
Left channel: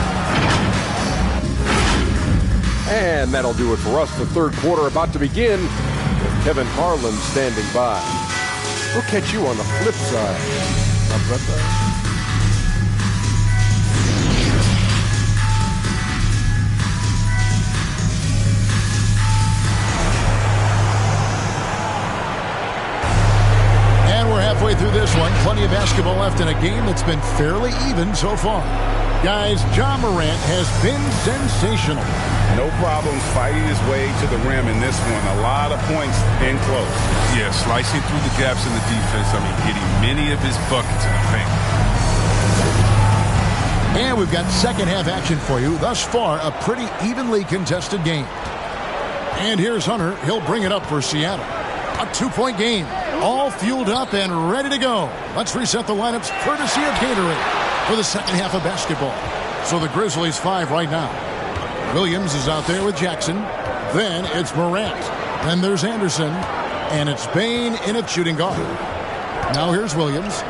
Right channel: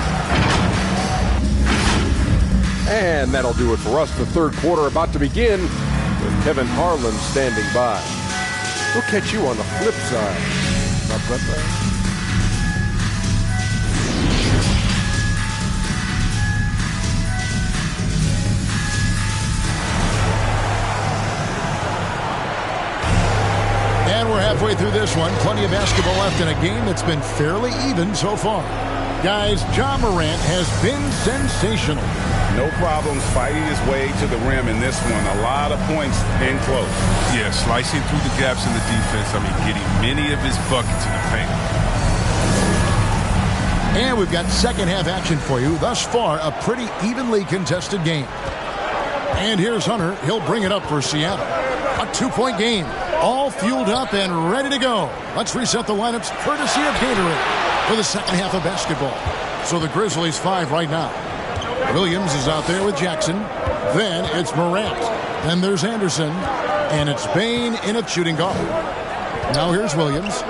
And that'll do it for us. The third quarter about to begin with Kevin Harlan standing by. We'll catch you on the flip side. My brother. And we're halfway through this one. Plenty of basketball left in a game that's been fairly even so far. Guys, Ja Morant has been sensational. No problems fighting his way to the rim in this one. A lot of points in close. Yeah, slicing through the gaps in the defense. I mean, getting many of his buckets in the paint. And we've got second half action for you. Thus far, a pretty evenly contested game. And here's Hunter. He'll bring it up for Seattle. A 2-point game. All fueled up and ready to go. Let's reset the lineups courtesy of Gatorade for the second half of basketball. So the Grizzlies 5 right now. Williams is out there with Jackson. Then it's Morant. Then there's Anderson. And it's Bain in at shooting guard. Now here's Williams.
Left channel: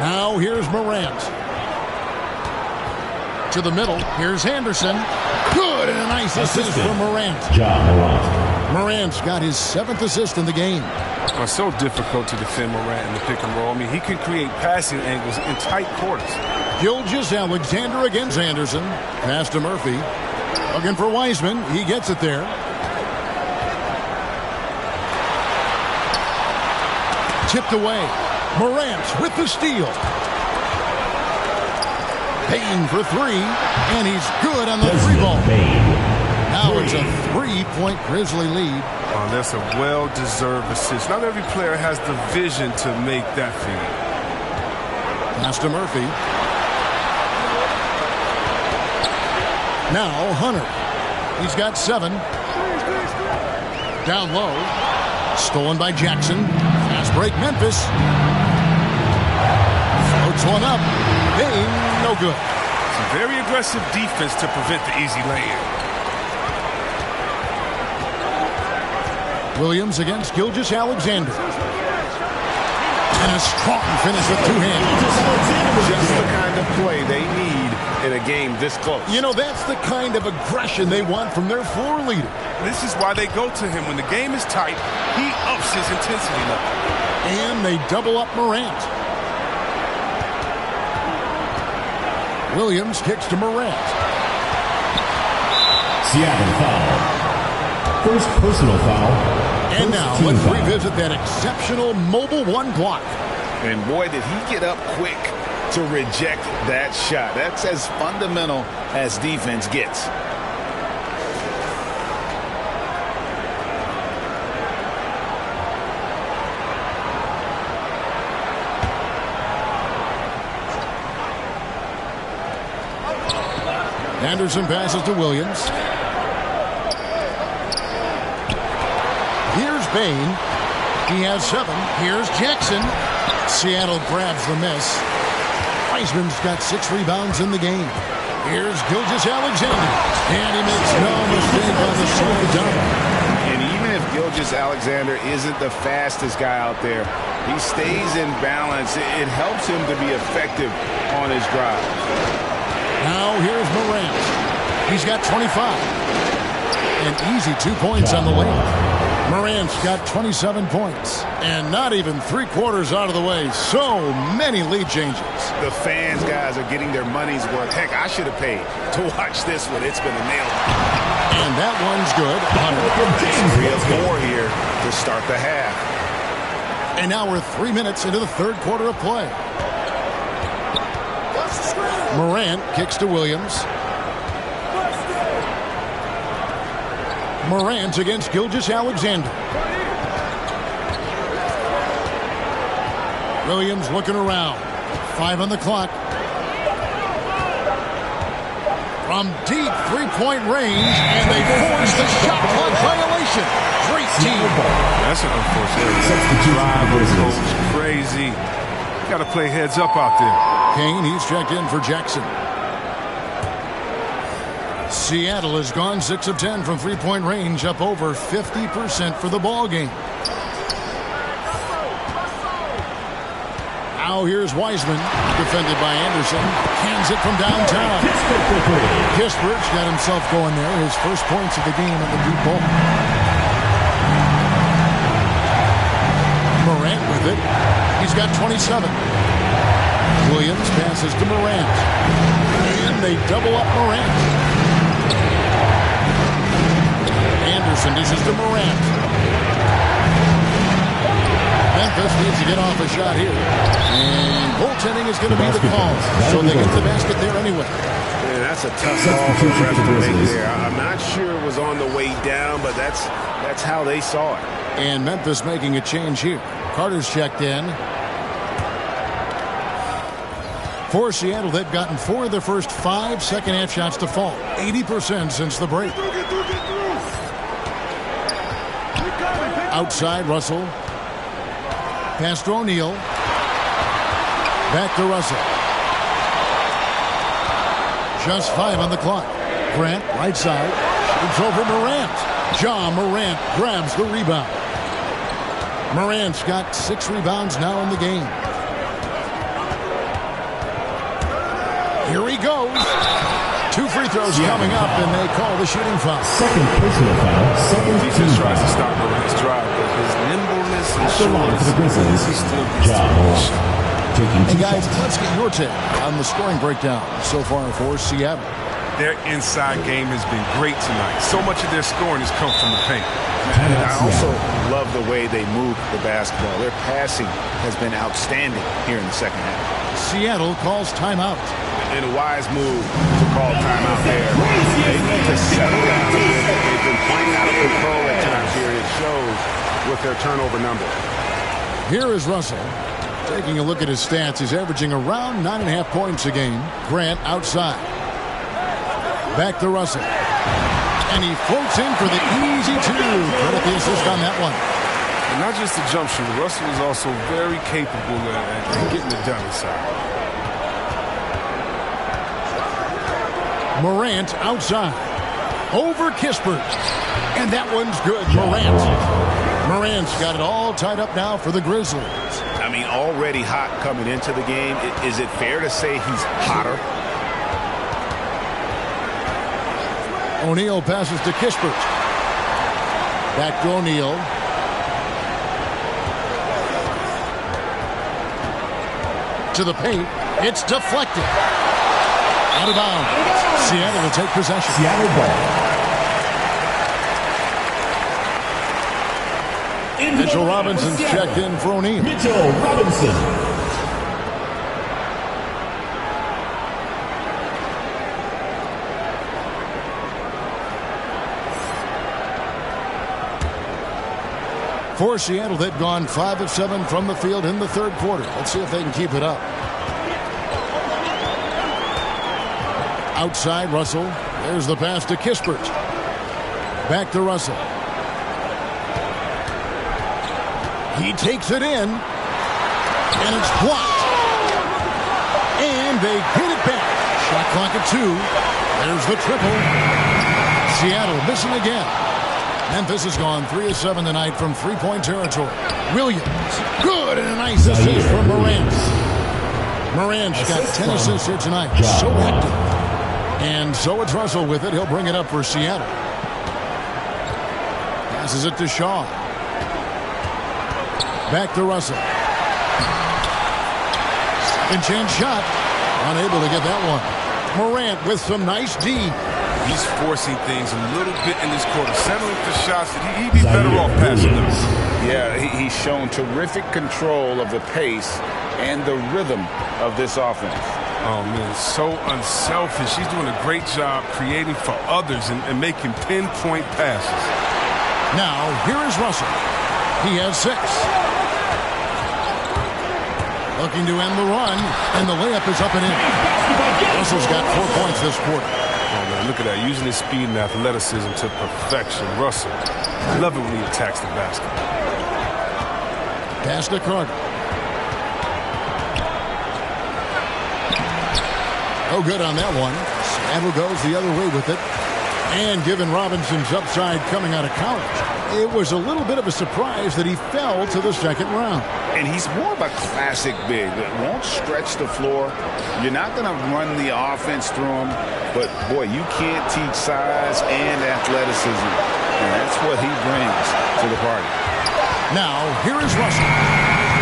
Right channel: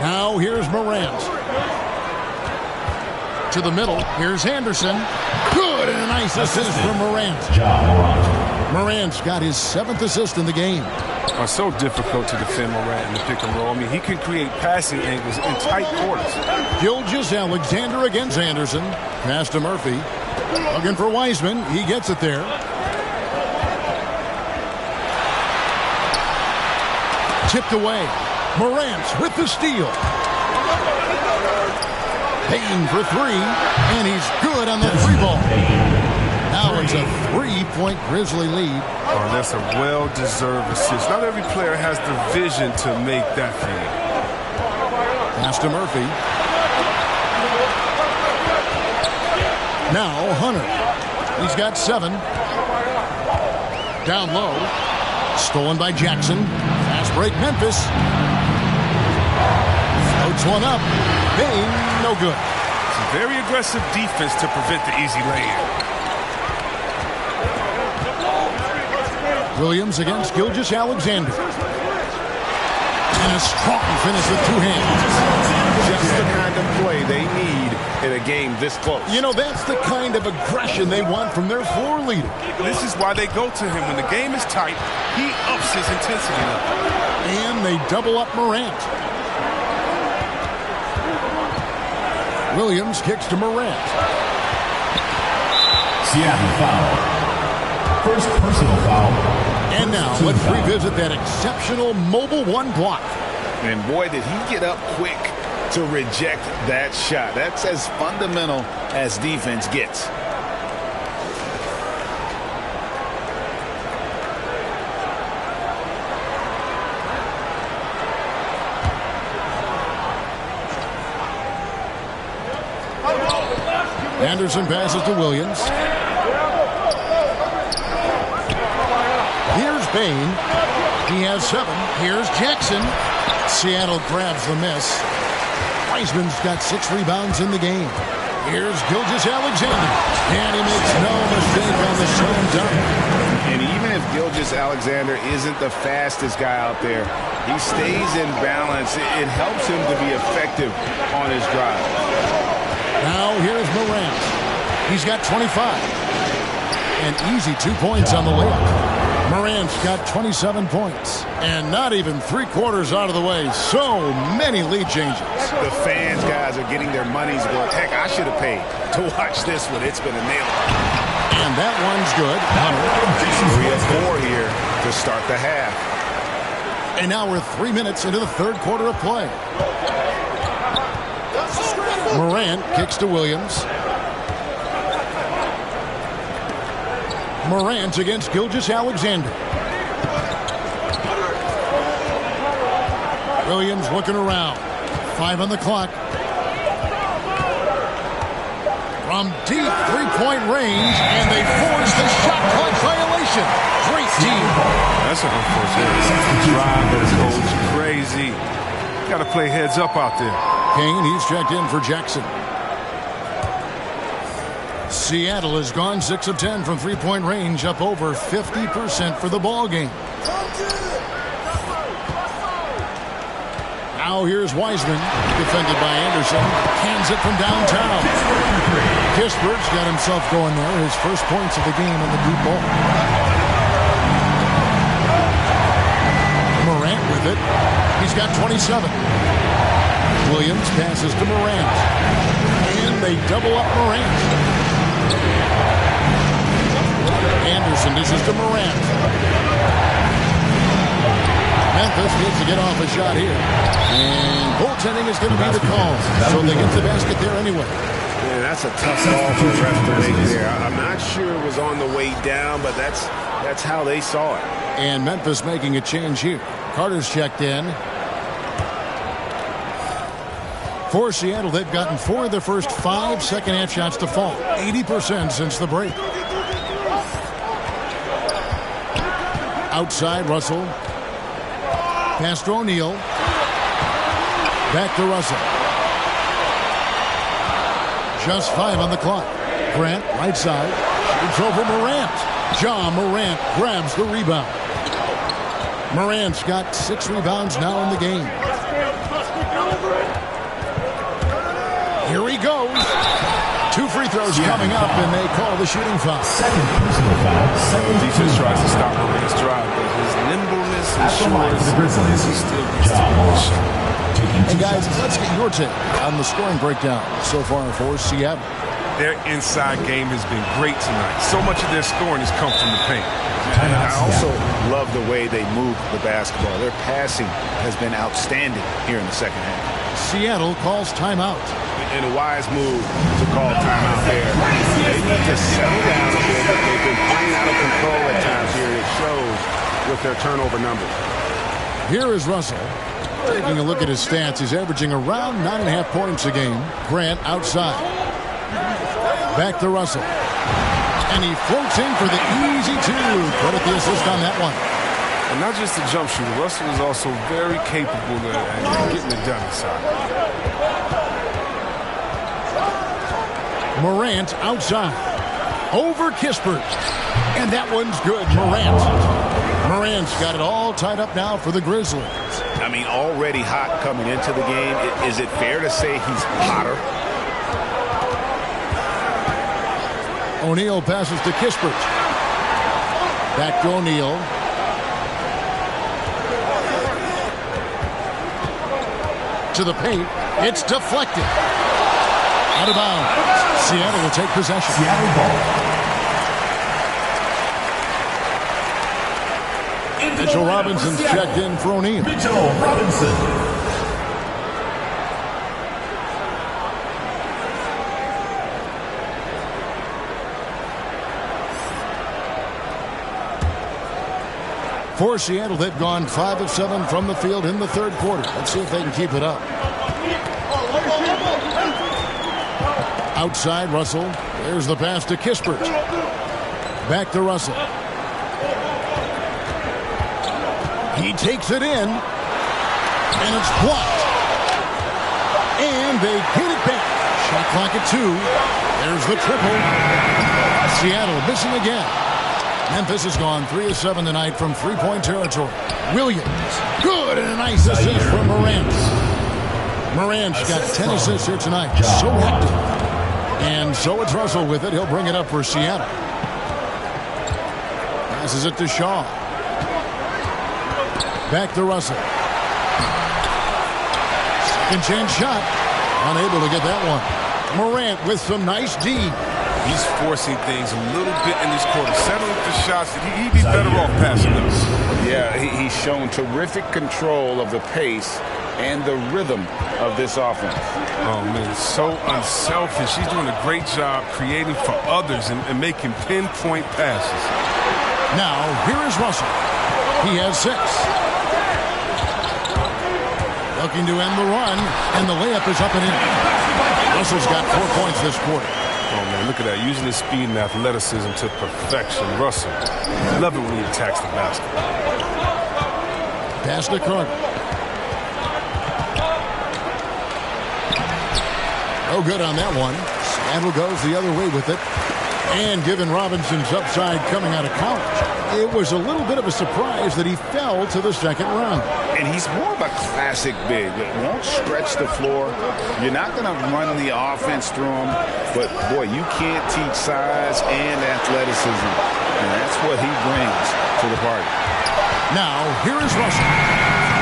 Now here's Morant. To the middle. Here's Anderson. Good, and a nice assist from Morant. Ja Morant. Morant's got his 7th assist in the game. It's so difficult to defend Morant in the pick and roll. I mean, he can create passing angles in tight quarters. Gilgeous-Alexander against Anderson. Pass to Murphy. Looking for Wiseman. He gets it there. Tipped away. Morant with the steal. Payne for 3. And he's good on the 3-ball. Now it's a 3-point Grizzly lead. Oh, that's a well-deserved assist. Not every player has the vision to make that feed. Pass to Murphy. Now Hunter. He's got 7. Down low. Stolen by Jackson. Fast break Memphis. Floats one up. Bain, no good. Some very aggressive defense to prevent the easy lay-in. Williams against Gilgeous-Alexander. And a strong finish with 2 hands. Just the kind of play they need in a game this close. You know, that's the kind of aggression they want from their floor leader. This is why they go to him. When the game is tight, he ups his intensity level. And they double up Morant. Williams kicks to Morant. Seattle foul. First personal foul. And now let's revisit that exceptional mobile 1 block. And boy, did he get up quick to reject that shot. That's as fundamental as defense gets. Anderson passes to Williams. Here's Bain. He has 7. Here's Jackson. Seattle grabs the miss. Wiseman's got 6 rebounds in the game. Here's Gilgeous-Alexander. And he makes no mistake on the slam dunk. And even if Gilgeous-Alexander isn't the fastest guy out there, he stays in balance. It helps him to be effective on his drive. Now here's Morant. He's got 25. An easy 2 points on the layup. Morant's got 27 points. And not even 3/4 out of the way. So many lead changes. The fans, guys, are getting their money's worth. Heck, I should have paid to watch this one. It's been a nail-biter. And that one's good. Hunter. That's 3 of 4 here to start the half. And now we're 3 minutes into the 3rd quarter of play. Morant kicks to Williams. Morant against Gilgeous-Alexander. Williams looking around. 5 on the clock. From deep 3-point range, and they force the shot clock violation. Great team. That's an unforced error. Drive of the coach, crazy. Got to play heads up out there. Kane, he's checked in for Jackson. Seattle has gone 6 of 10 from 3-point range, up over 50% for the ball game. Now here's Wiseman, defended by Anderson. Hands it from downtown. Kispert's got himself going there. His first points of the game in the deep ball. Morant with it. He's got 27. Williams passes to Morant. And they double up Morant. Anderson dishes to Morant. Memphis needs to get off a shot here. And goaltending is going to be the call. So they get the basket there anyway. Man, that's a tough call for the ref to make there. I'm not sure it was on the way down, but that's how they saw it. And Memphis making a change here. Carter's checked in. For Seattle, they've gotten 4 of their first 5 second-half shots to fall. 80% since the break. Outside, Russell. Pass to O'Neal. Back to Russell. Just 5 on the clock. Grant, right side. Shoots over Morant. John Morant grabs the rebound. Morant's got 6 rebounds now in the game. Here he goes. 2 free throws coming up, and they call the shooting foul. Second personal foul. The defense tries to stop Morant's drive, but his nimbleness and shortness, the Grizzlies, he still gets the shot. And guys, let's get your take on the scoring breakdown so far for Seattle. Their inside game has been great tonight. So much of their scoring has come from the paint. And I also love the way they move the basketball. Their passing has been outstanding here in the second half. Seattle calls timeout. And a wise move to call timeout there. They need to settle down a bit. They've been playing out of control at times here, and it shows with their turnover numbers. Here is Russell. Taking a look at his stats, he's averaging around 9.5 points a game. Grant outside. Back to Russell. And he floats in for the easy 2. Credit the assist on that one. And not just a jump shooter, Russell is also very capable at getting it done inside. Morant outside. Over Kispert. And that one's good. Morant's got it all tied up now for the Grizzlies. I mean, already hot coming into the game. Is it fair to say he's hotter? O'Neal passes to Kispert. Back to O'Neal. To the paint. It's deflected. Out of bounds. Seattle will take possession. Seattle ball. Mitchell Robinson's checked in for O'Neal. Mitchell Robinson. For Seattle, they've gone 5 of 7 from the field in the 3rd quarter. Let's see if they can keep it up. Outside Russell. There's the pass to Kispert. Back to Russell. He takes it in. And it's blocked. And they get it back. Shot clock at 2. There's the triple. Seattle missing again. Memphis has gone 3 of 7 tonight from three-point territory. Williams. Good, and a nice assist from Morant. Morant's got 10 assists here tonight. So active. And so it's Russell with it. He'll bring it up for Seattle. Passes it to Shaw. Back to Russell. Second chance shot. Unable to get that one. Morant with some nice D. He's forcing things a little bit in this quarter, settling for shots that he'd be better off passing those. Yeah, he's shown terrific control of the pace and the rhythm of this offense. Oh, man, so unselfish. He's doing a great job creating for others and making pinpoint passes. Now, here is Russell. He has 6. Looking to end the run, and the layup is up and in. Russell's got 4 points this quarter. Oh, man, look at that. Using his speed and athleticism to perfection. Russell, love it when he attacks the basket. Pass to Carter. No good on that one. Seattle goes the other way with it. And given Robinson's upside coming out of college, it was a little bit of a surprise that he fell to the second round. And he's more of a classic big. It won't stretch the floor. You're not going to run the offense through him. But, boy, you can't teach size and athleticism. And that's what he brings to the party. Now, here is Russell.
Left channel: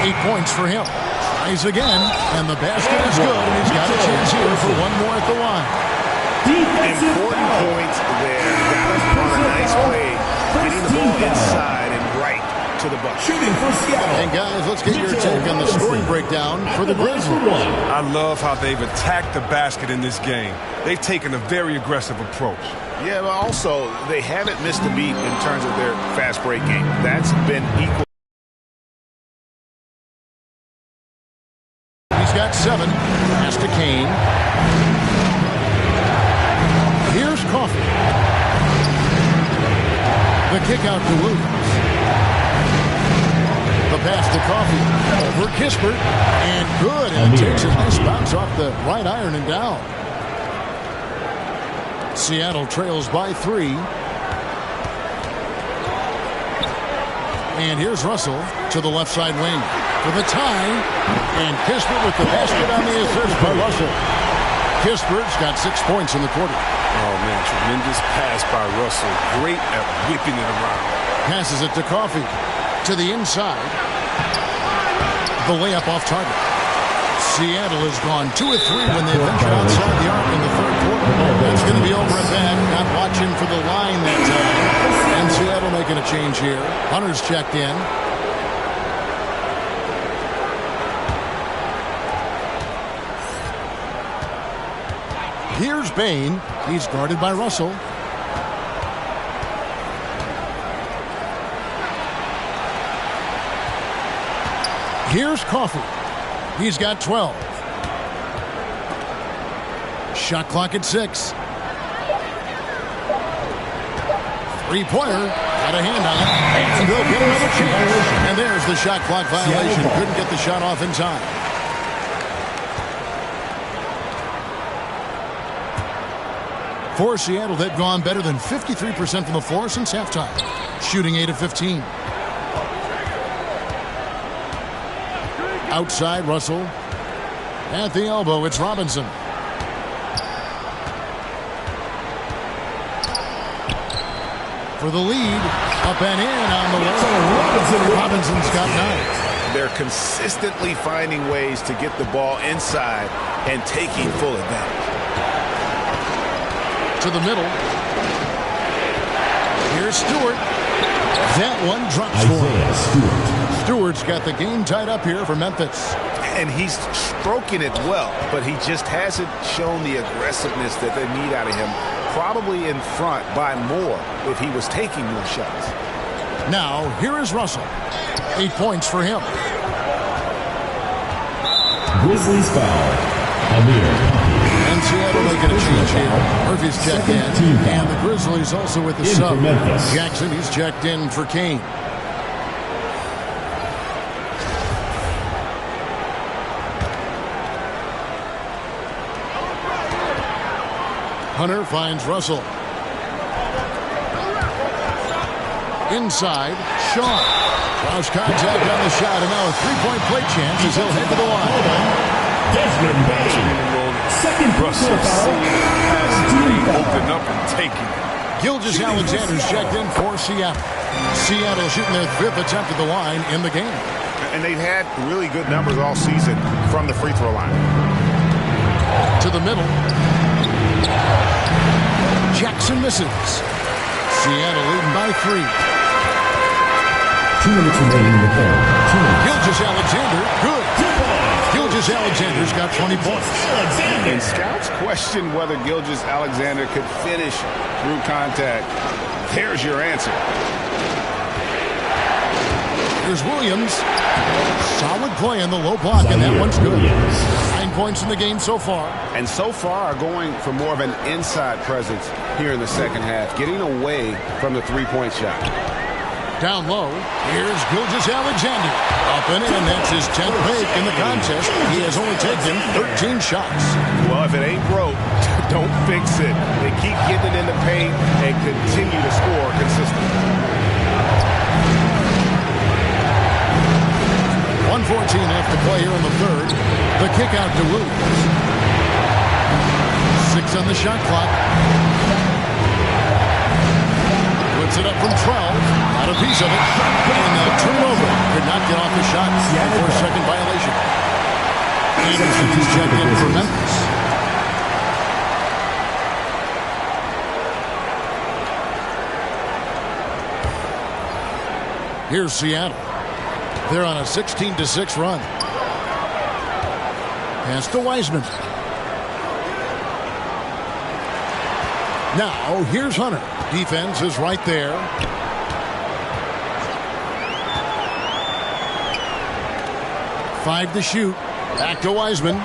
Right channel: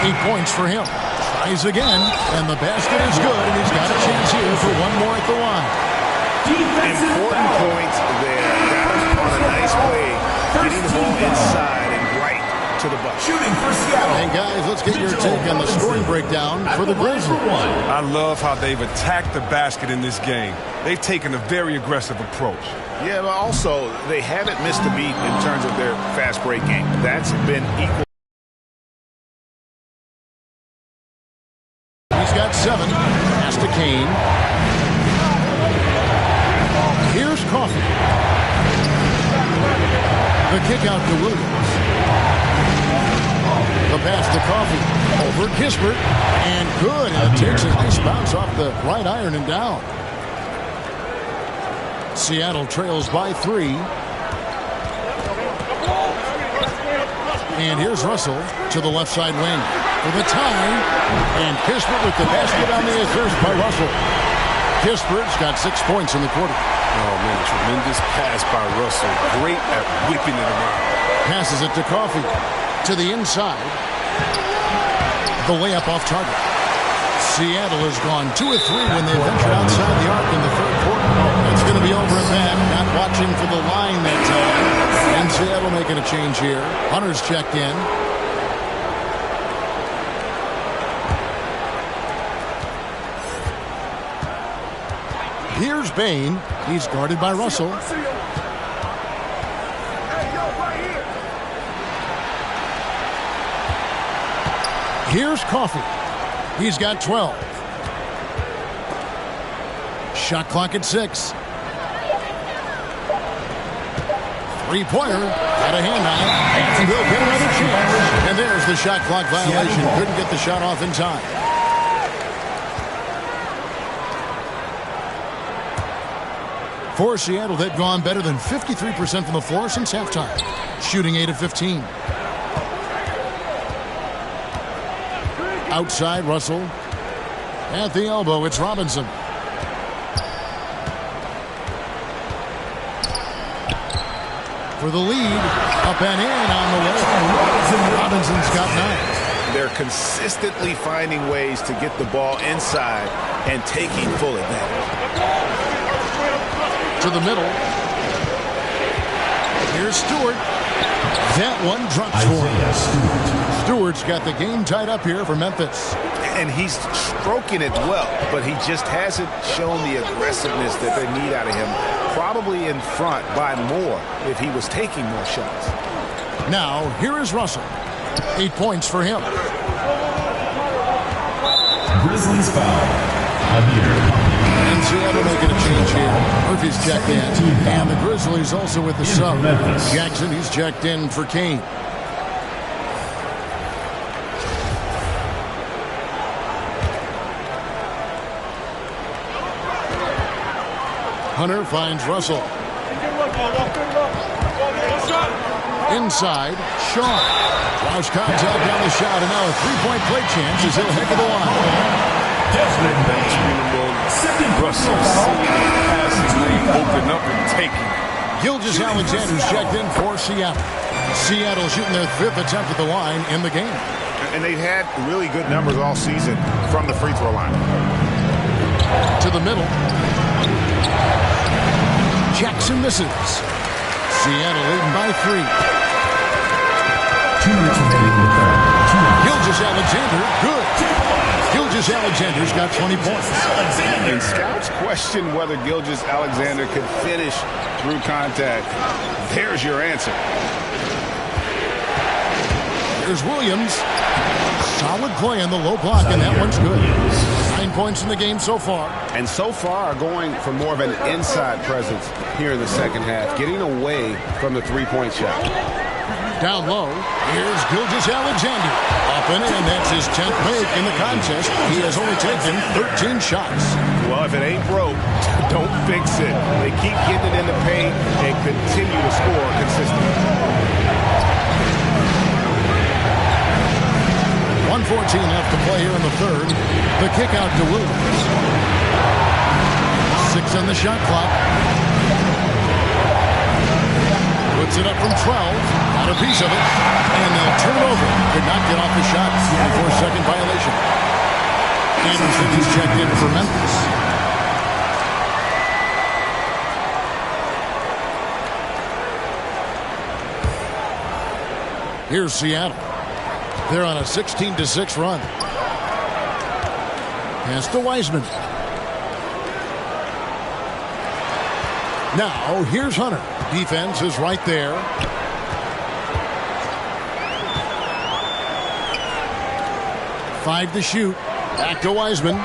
8 points for him. Tries again, and the basket is good, and he's got a chance here for one more at the line. Important points there. Got him on a nice play, getting the ball inside and right to the bucket. Shooting for Seattle. And guys, let's get your take on the scoring breakdown for the Grizzlies. I love how they've attacked the basket in this game. They've taken a very aggressive approach. Yeah, but also they haven't missed a beat in terms of their fast break game. That's been equal. He's got 7. Pass to Kane. Here's Coffey. The kick out to Williams. The pass to Coffey. Over Kispert. And good. And it takes a nice bounce off the right iron and down. Seattle trails by 3. And here's Russell to the left side wing for the tie. And Kispert with the basket on the assist by Russell. Kispert's got 6 points in the quarter. Oh, man, tremendous pass by Russell. Great at whipping it around. Passes it to Coffey. To the inside. The layup off target. Seattle has gone 2 of 3 when they ventured outside the arc in the third quarter. That's going to be over and back. Not watching for the line that time. And Seattle making a change here. Hunter's checked in. Here's Bain. He's guarded by Russell. Here's Coffey. He's got 12. Shot clock at 6. Three-pointer. Got a hand on it. And they'll get another chance. And there's the shot clock violation. Couldn't get the shot off in time. For Seattle, they've gone better than 53% from the floor since halftime. Shooting 8 of 15. Outside, Russell. At the elbow, it's Robinson. For the lead, up and in on the way. Robinson's got 9. They're consistently finding ways to get the ball inside and taking full advantage. To the middle. Here's Stewart. That one drops for him. Stewart's got the game tied up here for Memphis. And he's stroking it well, but he just hasn't shown the aggressiveness that they need out of him. Probably in front by more if he was taking more shots. Now, here is Russell. 8 points for him. Grizzlies foul. Amir. And Seattle making a change here. Murphy's checked in. And the Grizzlies also with the sub. Jackson, he's checked in for Kane. Hunter finds Russell. Inside, Shaw. Draws contact on the shot, and now a three-point play chance as he'll head to the line. Second Russell seeing a passing lane open up and taking it. Gilgeous-Alexander's checked in for Seattle. Seattle shooting their 5th attempt at the line in the game. And they've had really good numbers all season from the free throw line. To the middle. Jackson misses. Seattle leading by 3. 2 minutes remaining in the third. Gilgeous-Alexander, good. Gilgeous-Alexander's got 20 points. And scouts question whether Gilgeous-Alexander could finish through contact. There's your answer. Here's Williams. Solid play on the low block, and that one's good. 9 points in the game so far. And so far are going for more of an inside presence here in the second half, getting away from the three-point shot. Down low, here's Gilgeous-Alexander. Up and in, that's his 10th make in the contest. He has only taken 13 shots. Well, if it ain't broke, don't fix it. They keep getting it in the paint and continue to score consistently. 1:14 left to play here in the third. The kick out to Williams. 6 on the shot clock. Puts it up from 12. Got a piece of it. And they'll turn it over. Could not get off the shot. 24-second violation. Anderson, he's checked in for Memphis. Here's Seattle. They're on a 16-6 run. Pass to Wiseman. Now, here's Hunter. Defense is right there. Five to shoot. Back to Wiseman.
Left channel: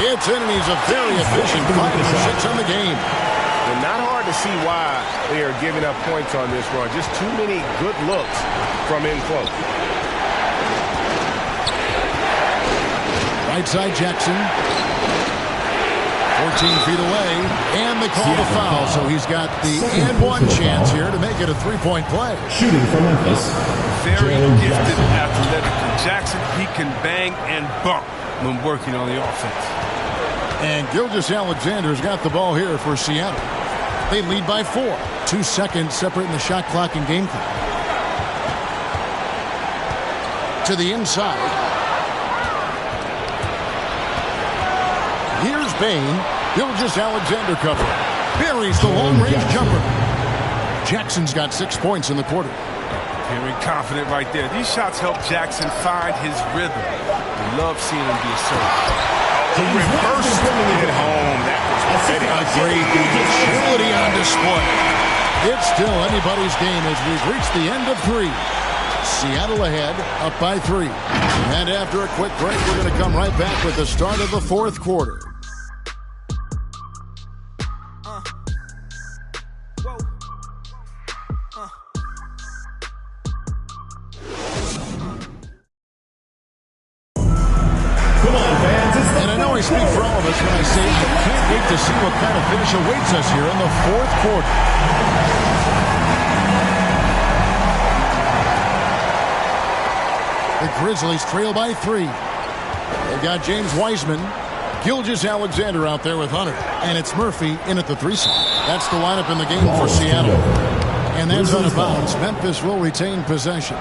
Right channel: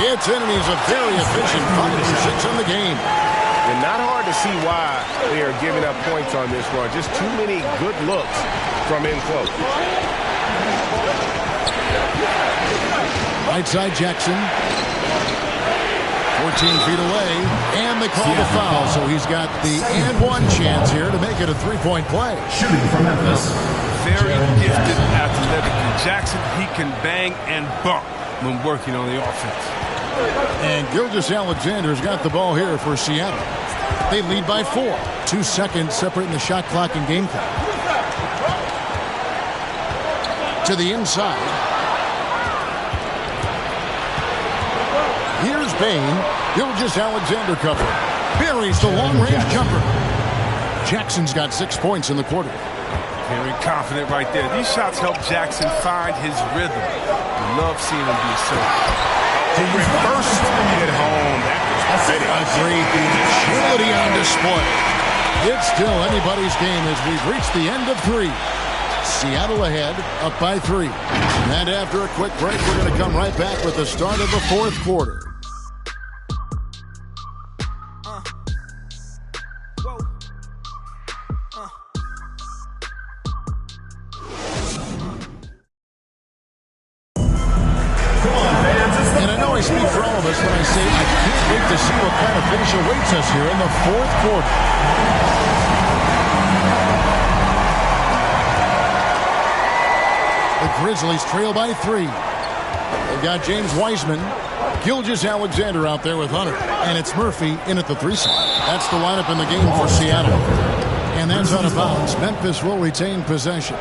It's in, and he's a very efficient 5 for 6 on the game. And not hard to see why they are giving up points on this run. Just too many good looks from in close. Right side Jackson. 14 feet away, and they call the foul, so he's got the and one chance here to make it a three-point play. Shooting for Memphis. Very gifted athletically. Jackson, he can bang and bump when working on the offense. And Gilgeous-Alexander's got the ball here for Seattle. They lead by 4. 2 seconds separating the shot clock and game clock. To the inside. Here's Bain. Gilgeous-Alexander cover. Buries the long-range jumper. Jackson's got 6 points in the quarter. Very confident right there. These shots help Jackson find his rhythm. We love seeing him be assertive. Reversed at home. That was pretty. A great agility on display. It's still anybody's game as we've reached the end of 3. Seattle ahead, up by 3. And after a quick break, we're going to come right back with the start of the 4th quarter. And I know I speak for all of us when I say I can't wait to see what kind of finish awaits us here in the 4th quarter. The Grizzlies trail by 3. They've got James Wiseman, Gilgeous-Alexander out there with Hunter, and it's Murphy in at the 3 slot. That's the lineup in the game for Seattle. And that's out of bounds. Memphis will retain possession.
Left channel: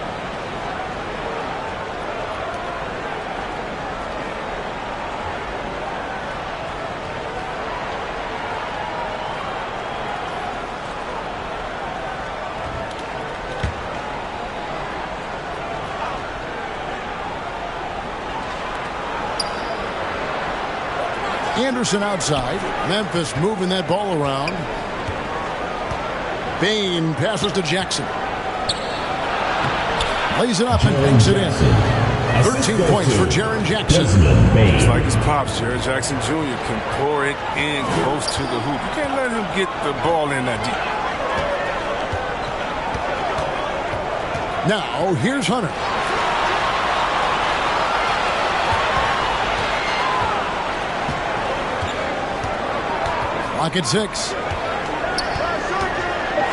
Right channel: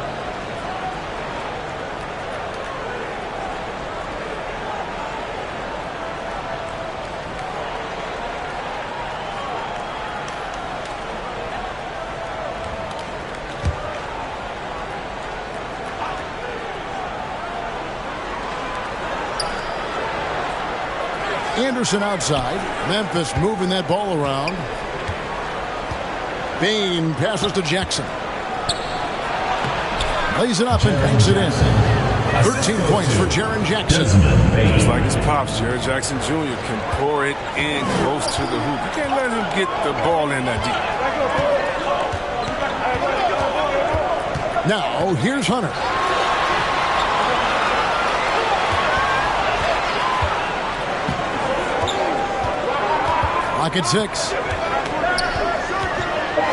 Anderson outside. Memphis moving that ball around. Bain passes to Jackson. Lays it up and banks it in. 13 points for Jaren Jackson. Just like his pops, Jaren Jackson Jr. can pour it in close to the hoop. You can't let him get the ball in that deep. Now, here's Hunter. Clock at 6.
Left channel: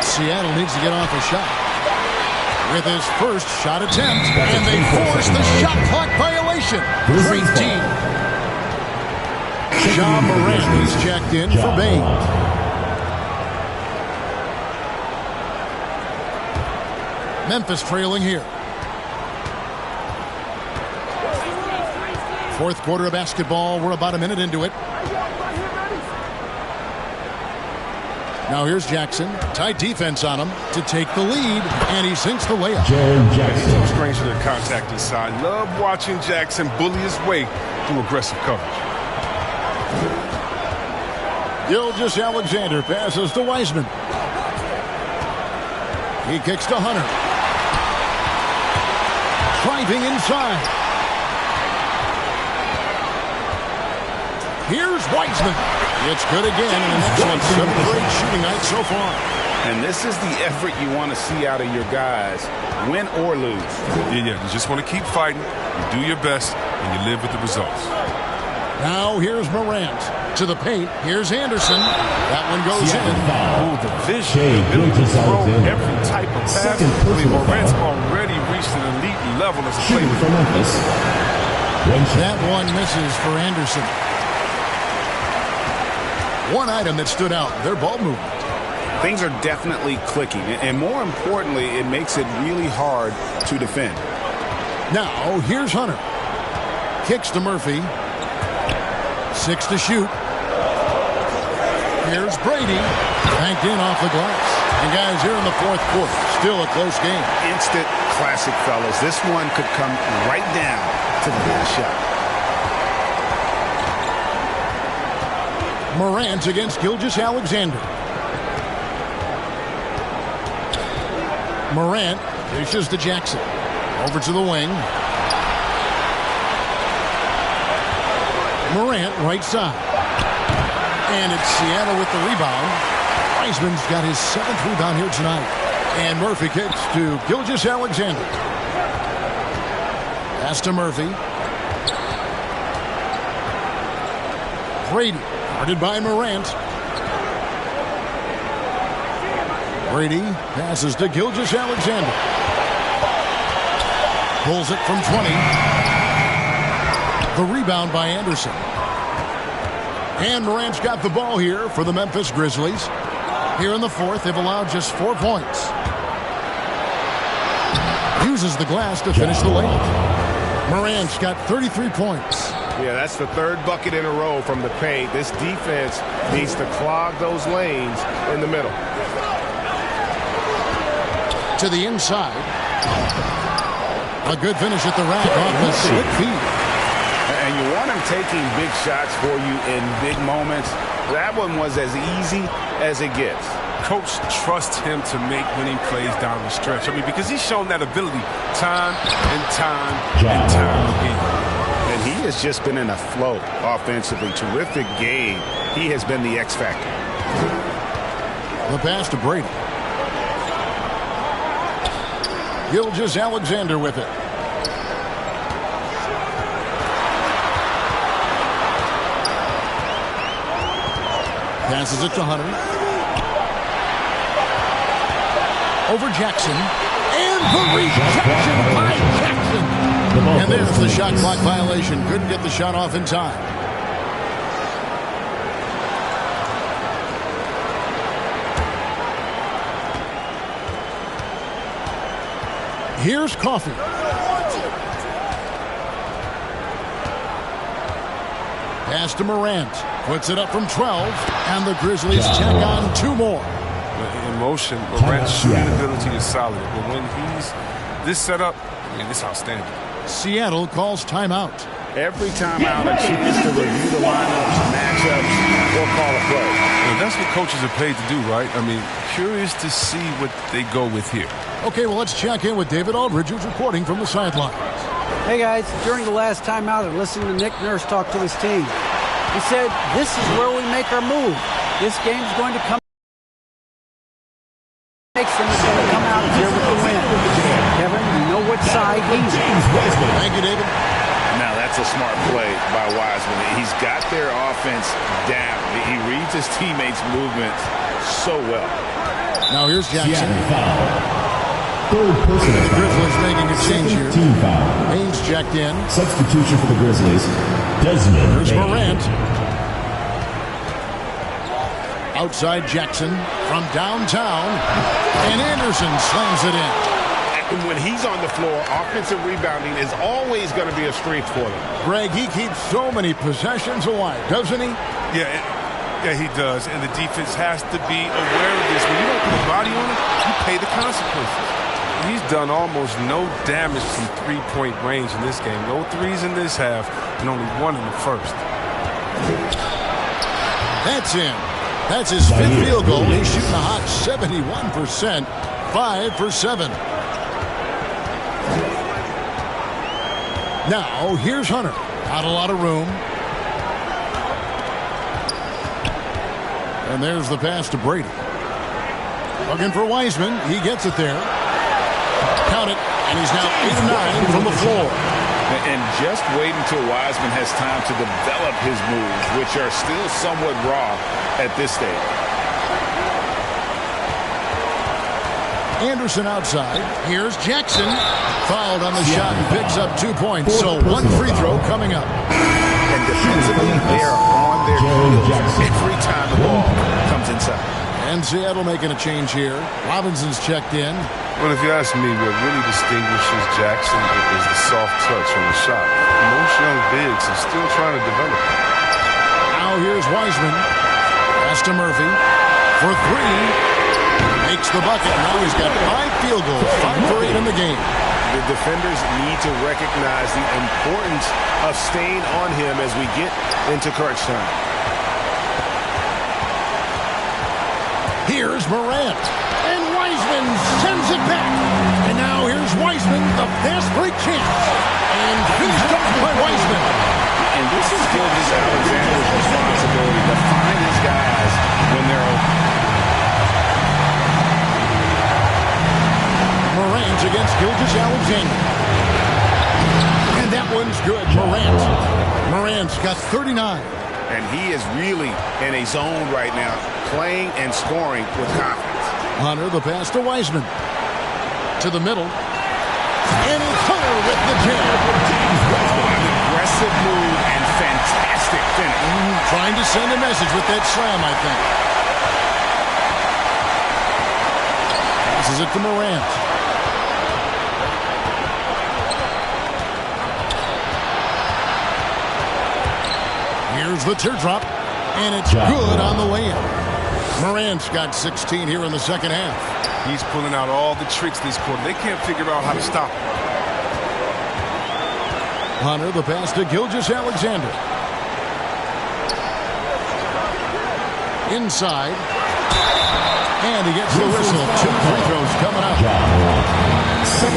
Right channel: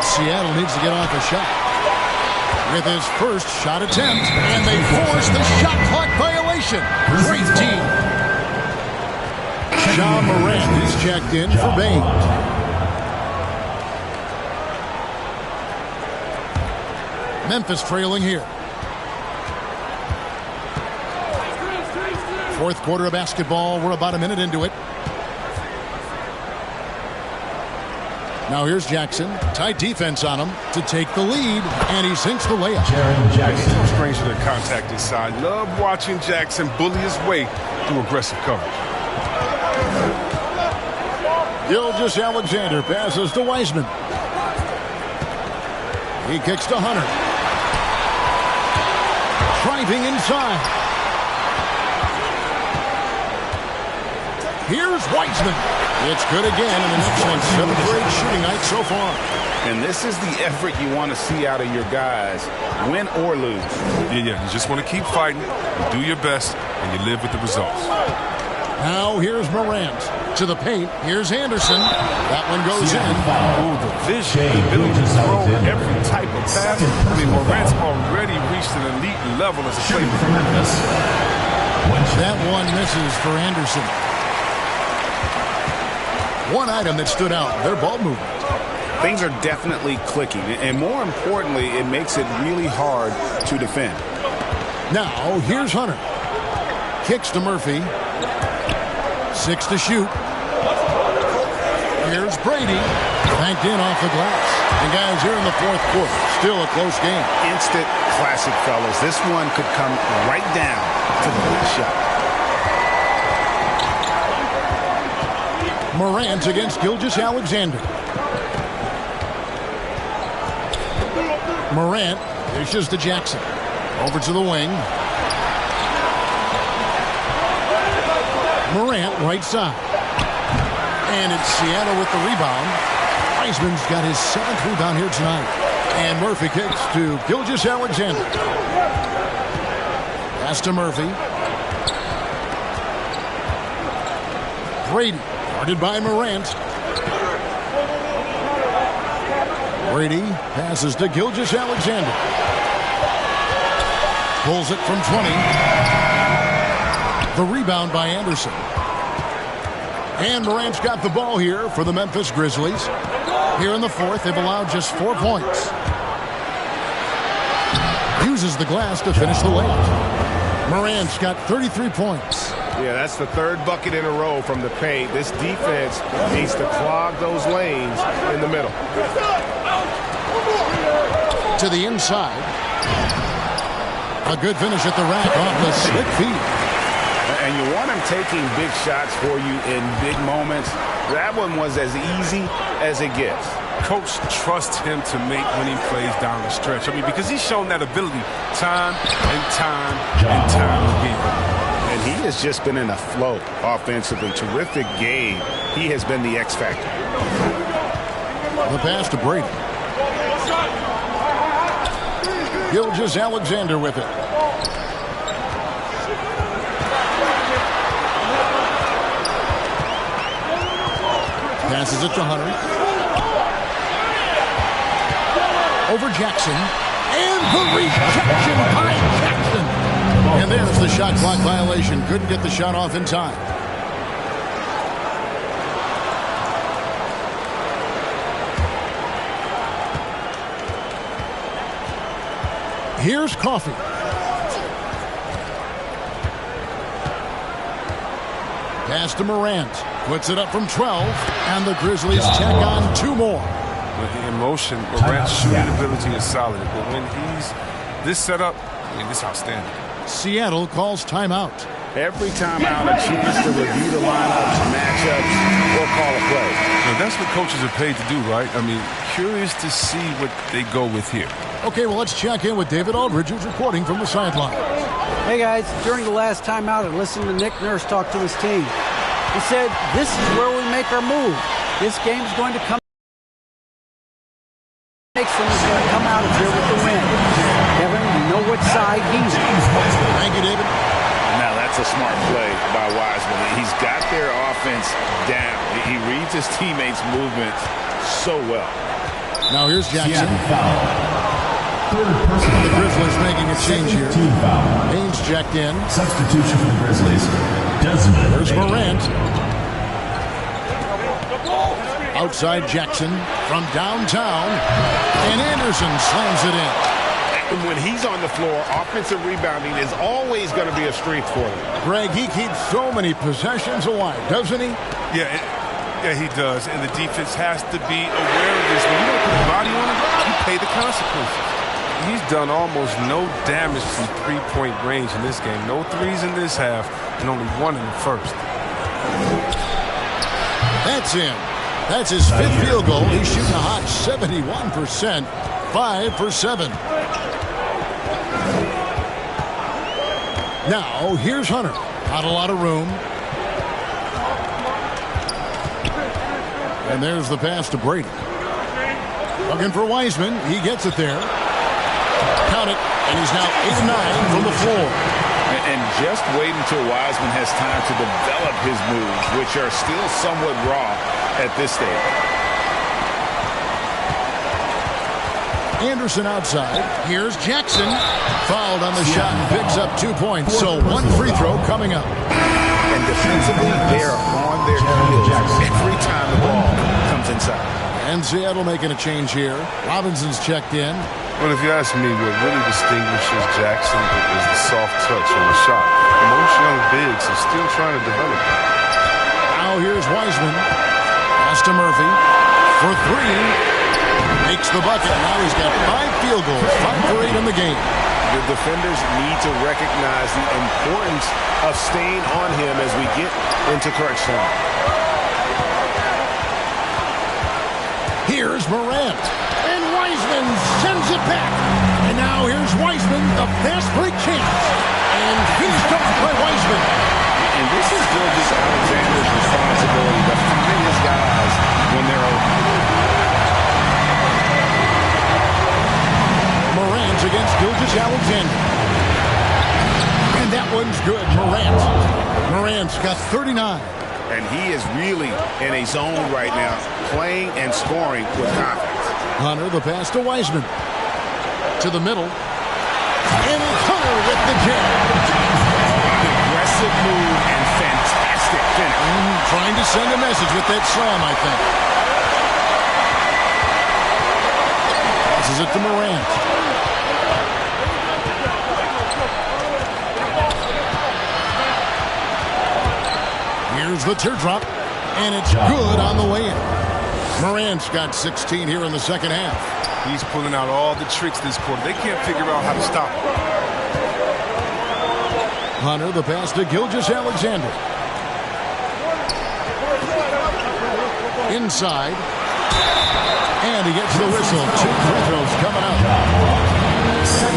Seattle needs to get off a shot. With his first shot attempt, and they force the shot clock violation. Great team. Ja Morant is checked in for Bain. Memphis trailing here. Fourth quarter of basketball. We're about a minute into it. Now here's Jackson. Tight defense on him to take the lead, and he sinks the layup. Jaren Jackson. He's no stranger to contact inside. Love watching Jackson bully his way through aggressive coverage. Gilgeous-Alexander passes to Wiseman. He kicks to Hunter. Driving inside. Here's Wiseman. It's good again, and an excellent 7th-grade shooting night so far. And this is the effort you want to see out of your guys, win or lose. Yeah, you just want to keep fighting, you do your best, and you live with the results. Now here's Morant to the paint. Here's Anderson. That one goes in. Oh, the vision, the ability to throw every type of pass. I mean, Morant's already reached an elite level as a playmaker. That one misses for Anderson. One item that stood out, their ball movement. Things are definitely clicking, and more importantly, it makes it really hard to defend. Now, here's Hunter. Kicks to Murphy. 6 to shoot. Here's Brady. Banked in off the glass. And guys, here in the fourth quarter, still a close game. Instant classic, fellas. This one could come right down to the last shot. Morant against Gilgeous-Alexander. Morant dishes to Jackson. Over to the wing. Morant right side. And it's Seattle with the rebound. Wiseman's got his 7th rebound here tonight. And Murphy kicks to Gilgeous-Alexander. Pass to Murphy. Brady. Guarded by Morant. Brady passes to Gilgeous-Alexander. Pulls it from 20. The rebound by Anderson. And Morant's got the ball here for the Memphis Grizzlies. Here in the fourth, they've allowed just 4 points. Uses the glass to finish the layup. Morant's got 33 points. Yeah, that's the 3rd bucket in a row from the paint. This defense needs to clog those lanes in the middle. To the inside. A good finish at the rack off the slick feed. And you want him taking big shots for you in big moments. That one was as easy as it gets. Coach trusts him to make winning plays down the stretch. I mean, because he's shown that ability time and time and time again. And he has just been in a flow offensively. Terrific game. He has been the X factor. The pass to Brady. Gilgeous-Alexander with it. Passes it to Hunter. Over Jackson. And the rejection by Jackson. And there's the shot clock violation. Couldn't get the shot off in time. Here's Coffee. Pass to Morant. Puts it up from 12. And the Grizzlies check on 2 more. In motion, Morant's shooting ability is solid. But when he's this setup, I mean, it's outstanding. Seattle calls timeout. Every timeout, a chance to review the lineups, matchups, or call a play. Now, that's what coaches are paid to do, right? I mean, curious to see what they go with here. Okay, well, let's check in with David Aldridge, who's reporting from the sideline. Hey guys, during the last timeout, I listened to Nick Nurse talk to his team. He said, "This is where we make our move. This game's going to come. Makes them is going to come out of here with the win." Kevin, you know what side he's on. Thank you, David. Now that's a smart play by Wiseman. He's got their offense down. He reads his teammates' movements so well. Now here's Jackson. Third personal The Grizzlies making a change here. Team foul. Haynes checked in. Substitution for the Grizzlies. Desmond. There's Morant. Outside Jackson from downtown. And Anderson slams it in. When he's on the floor, offensive rebounding is always going to be a strength for them. Greg, he keeps so many possessions alive, doesn't he? Yeah, he does. And the defense has to be aware of this. When you don't put a body on it, you pay the consequences. He's done almost no damage from three-point range in this game. No threes in this half, and only one in the first. That's in. That's his fifth field goal. He's shooting a hot 71%, 5 for 7. Now, here's Hunter. Not a lot of room. And there's the pass to Brady. Looking for Wiseman. He gets it there. Count it. And he's now 8 of 9 from the floor. And just wait until Wiseman has time to develop his moves, which are still somewhat raw at this stage. Anderson outside. Here's Jackson. Fouled on the shot and picks up 2 points. So one free throw coming up. And defensively, they are on their heels every time the ball comes inside. And Seattle making a change here. Robinson's checked in. Well, if you ask me, what really distinguishes Jackson is the soft touch on the shot. Most young bigs are still trying to develop it. Now here's Wiseman. Pass to Murphy for 3. Makes the bucket. Now he's got 5 field goals. 5 for 8 in the game. The defenders need to recognize the importance of staying on him as we get into crunch time. Here's Morant. And Wiseman sends it back. And now here's Wiseman, the fast break chance. And finished off by Wiseman. And this is Gilgeous-Alexander's responsibility to find his guys when they're open. Morant against Gilgeous-Alexander. And that one's good. Morant's got 39. And he is really in a zone right now, playing and scoring with confidence. Hunter, the pass to Wiseman. To the middle. And it's Hunter with the jam. An aggressive move and fantastic finish. Trying to send a message with that slam, I think. Passes it to Morant. Here's the teardrop, and it's good on the way in. Morant's got 16 here in the second half. He's pulling out all the tricks this quarter. They can't figure out how to stop him. Hunter, the pass to Gilgeous-Alexander. Inside. And he gets the whistle. 2 free throws coming up.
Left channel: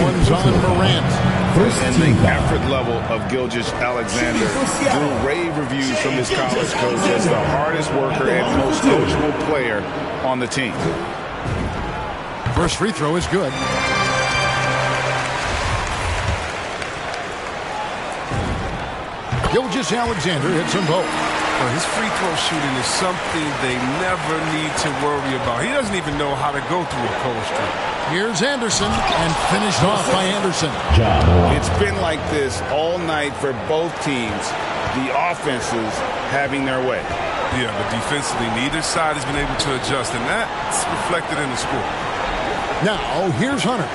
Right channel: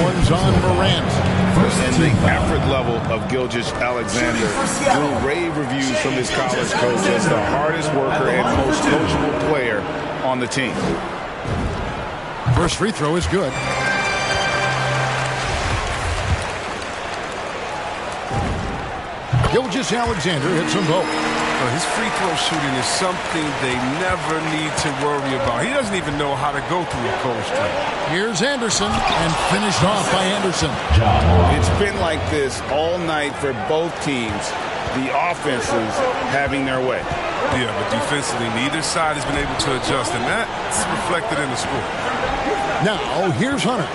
One's on Morant. And the effort level of Gilgeous-Alexander drew rave reviews from his college coach as the hardest worker and most coachable player on the team. First free throw is good. Gilgeous-Alexander hits them both. His free throw shooting is something they never need to worry about. He doesn't even know how to go through a cold streak. Here's Anderson, and finished off by Anderson. It's been like this all night for both teams. The offenses having their way. Yeah, but defensively, neither side has been able to adjust, and that's reflected in the score. Now, here's Hunter.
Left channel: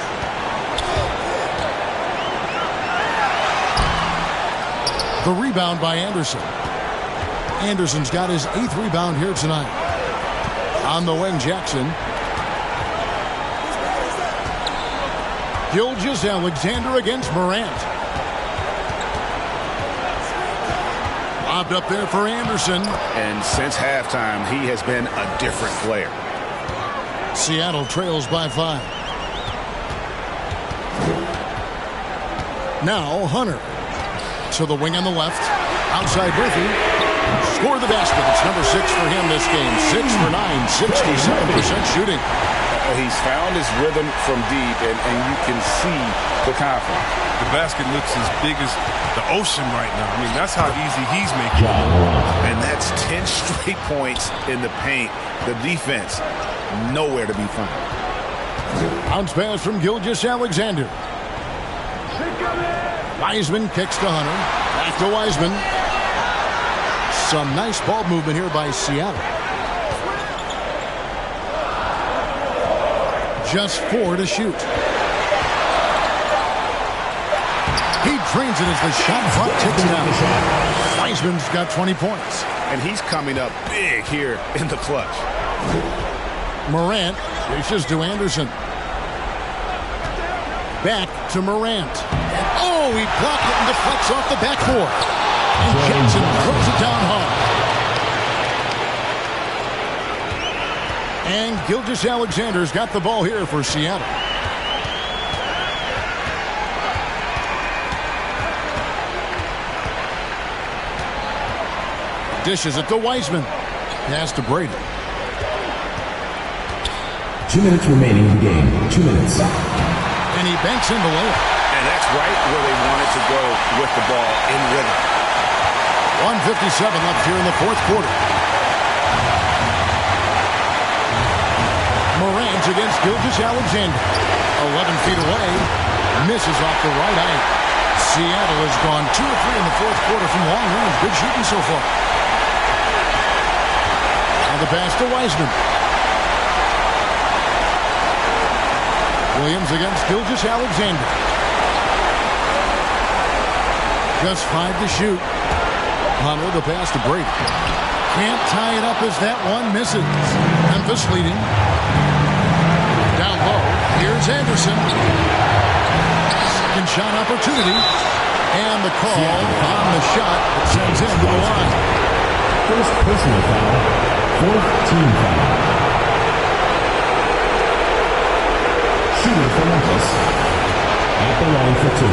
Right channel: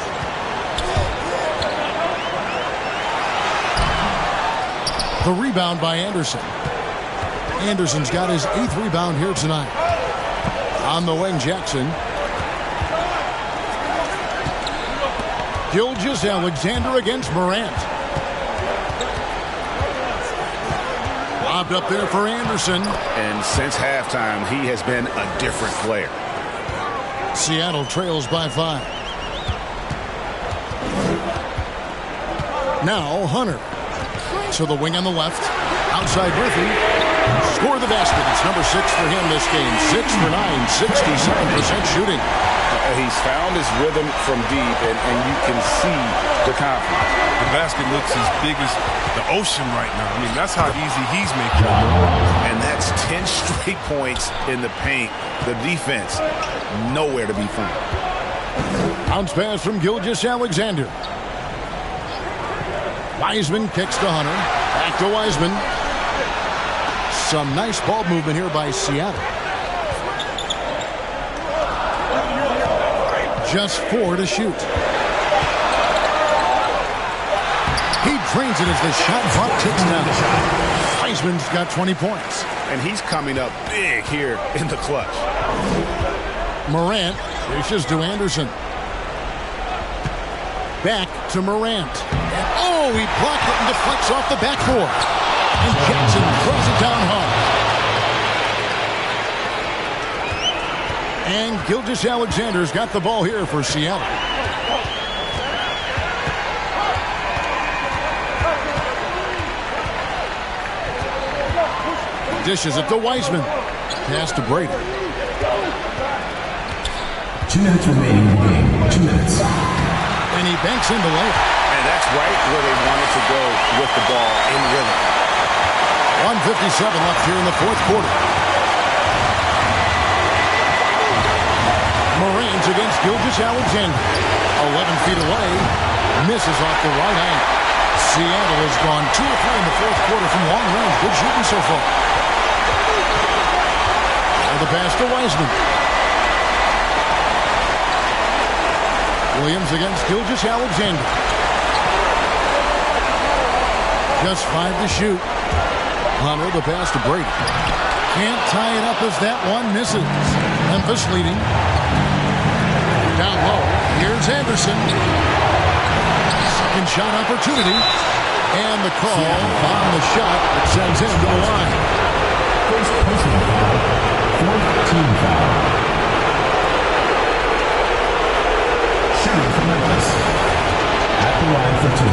The rebound by Anderson. Anderson's got his 8th rebound here tonight. On the wing, Jackson. Gilgeous-Alexander against Morant. Lobbed up there for Anderson. And since halftime, he has been a different player. Seattle trails by 5. Now Hunter. To the wing on the left. Outside Murphy. Score the basket. It's number 6 for him this game. 6 for 9, 67% shooting. He's found his rhythm from deep, and you can see the confidence. The basket looks as big as the ocean right now. I mean, that's how easy he's making it. And that's 10 straight points in the paint. The defense, nowhere to be found. Bounce pass from Gilgeous-Alexander. Wiseman kicks to Hunter. Back to Wiseman. Some nice ball movement here by Seattle. Just 4 to shoot. He drains it as the shot clock ticks down. Wiseman's got 20 points. And he's coming up big here in the clutch. Morant dishes to Anderson. Back to Morant. Oh, he blocked it and deflects off the backboard. And Jackson throws it down hard. And Gilgeous-Alexander's got the ball here for Seattle. Dishes it to Wiseman. Pass to Brady. 2 minutes remaining in the game. 2 minutes. And he banks in the layup. And that's right where they wanted to go with the ball, in rhythm. 1:57 left here in the fourth quarter. Morant against Gilgeous-Alexander. 11 feet away. Misses off the right eye. Seattle has gone 2 or 3 in the fourth quarter from long range. Good shooting so far. Now the pass to Wiseman. Williams against Gilgeous-Alexander. Just 5 to shoot. Hunter, the pass to Brady. Can't tie it up as that one misses. Memphis leading. Down low. Here's Anderson. Second shot opportunity. And the call on the shot that sends him to the line. First personal foul. 4th team foul. Shooting for Memphis. At the line for 2.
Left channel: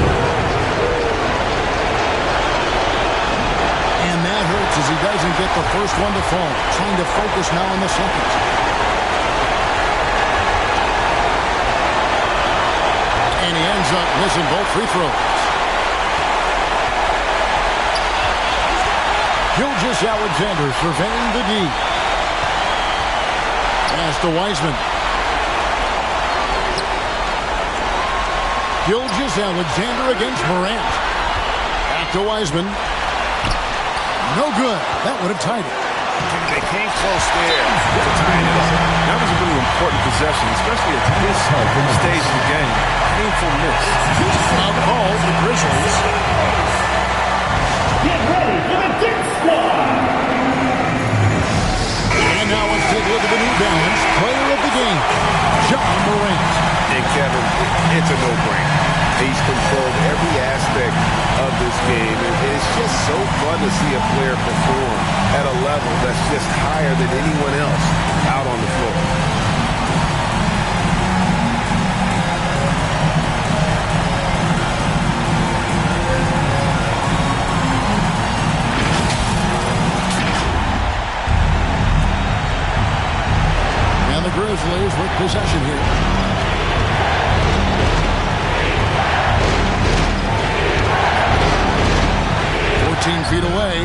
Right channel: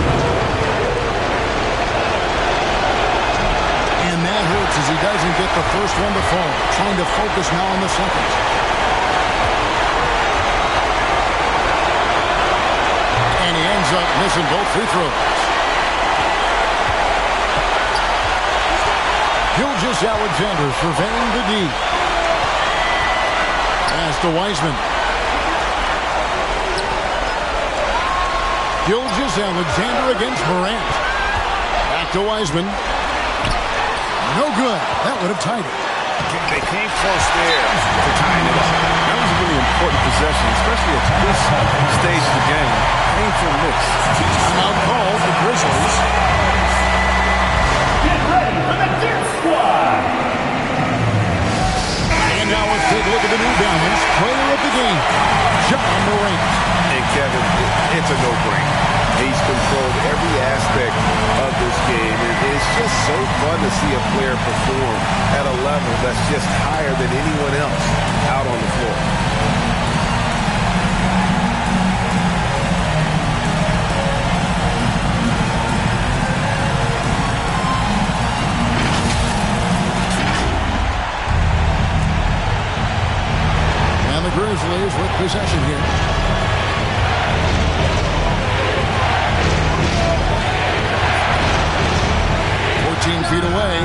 And that hurts as he doesn't get the first one to fall. Trying to focus now on the second. And he ends up missing both free throws. Gilgeous-Alexander surveying the D. Pass to Wiseman. Gilgeous-Alexander against Morant. Back to Wiseman. No good. That would have tied it. They came close there to tying it up. That was a really important possession, especially at this stage of the game. Painful miss. Timeout call the Grizzlies. Get ready for the Dirt Squad. And now let's take a look at the New Balance player of the game, John Morant. And Kevin, it's a no-brainer. He's controlled every aspect of this game. And it's just so fun to see a player perform at a level that's just higher than anyone else out on the floor. And the Grizzlies with possession here. 14 feet away,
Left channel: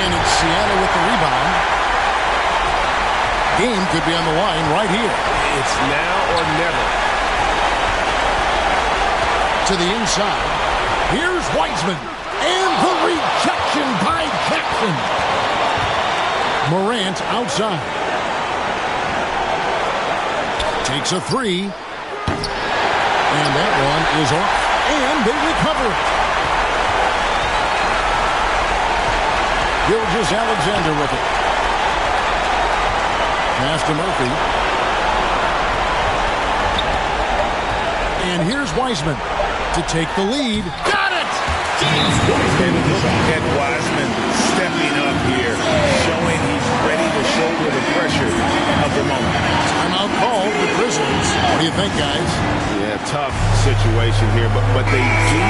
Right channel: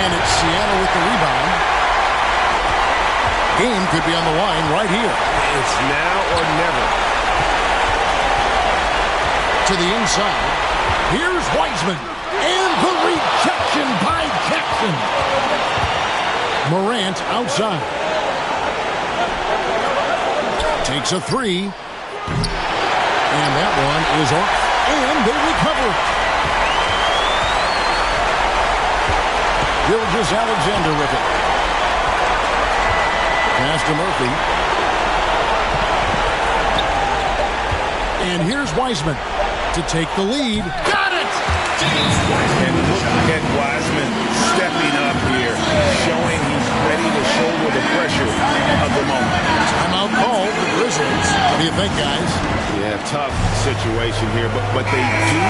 and it's Seattle with the rebound. Game could be on the line right here. It's now or never. To the inside. Here's Wiseman, and the rejection by Jackson. Morant outside. Takes a 3. And that one is off. And they recover it. Gilgeous-Alexander with it. Pass to Murphy. And here's Wiseman to take the lead. Got it! And look at Wiseman stepping up here, showing he's ready to shoulder the pressure of the moment. Timeout called the Grizzlies. What do you think, guys? Yeah, tough situation here, but they do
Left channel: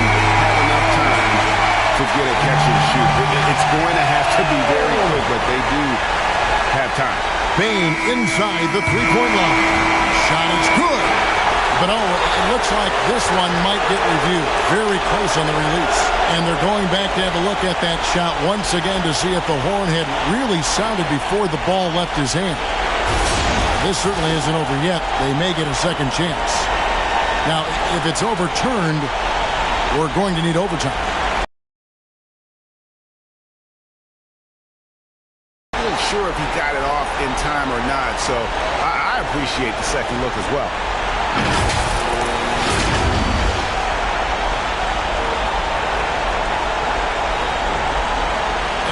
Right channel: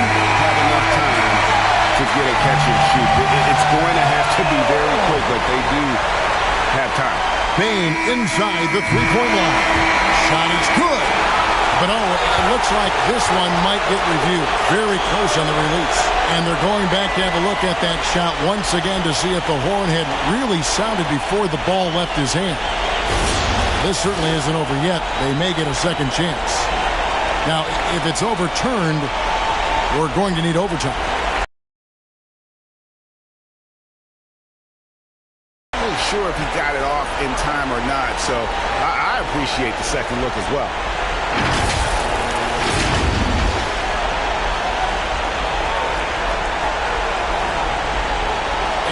have enough time to get a catch and shoot. It's going to have to be very quick, but they do have time. Bane inside the three-point line. Shot is good. But, it looks like this one might get reviewed. Very close on the release. And they're going back to have a look at that shot once again to see if the horn had really sounded before the ball left his hand. This certainly isn't over yet. They may get a second chance. Now, if it's overturned, we're going to need overtime. I'm not sure if he got it off in time or not, so I appreciate the second look as well.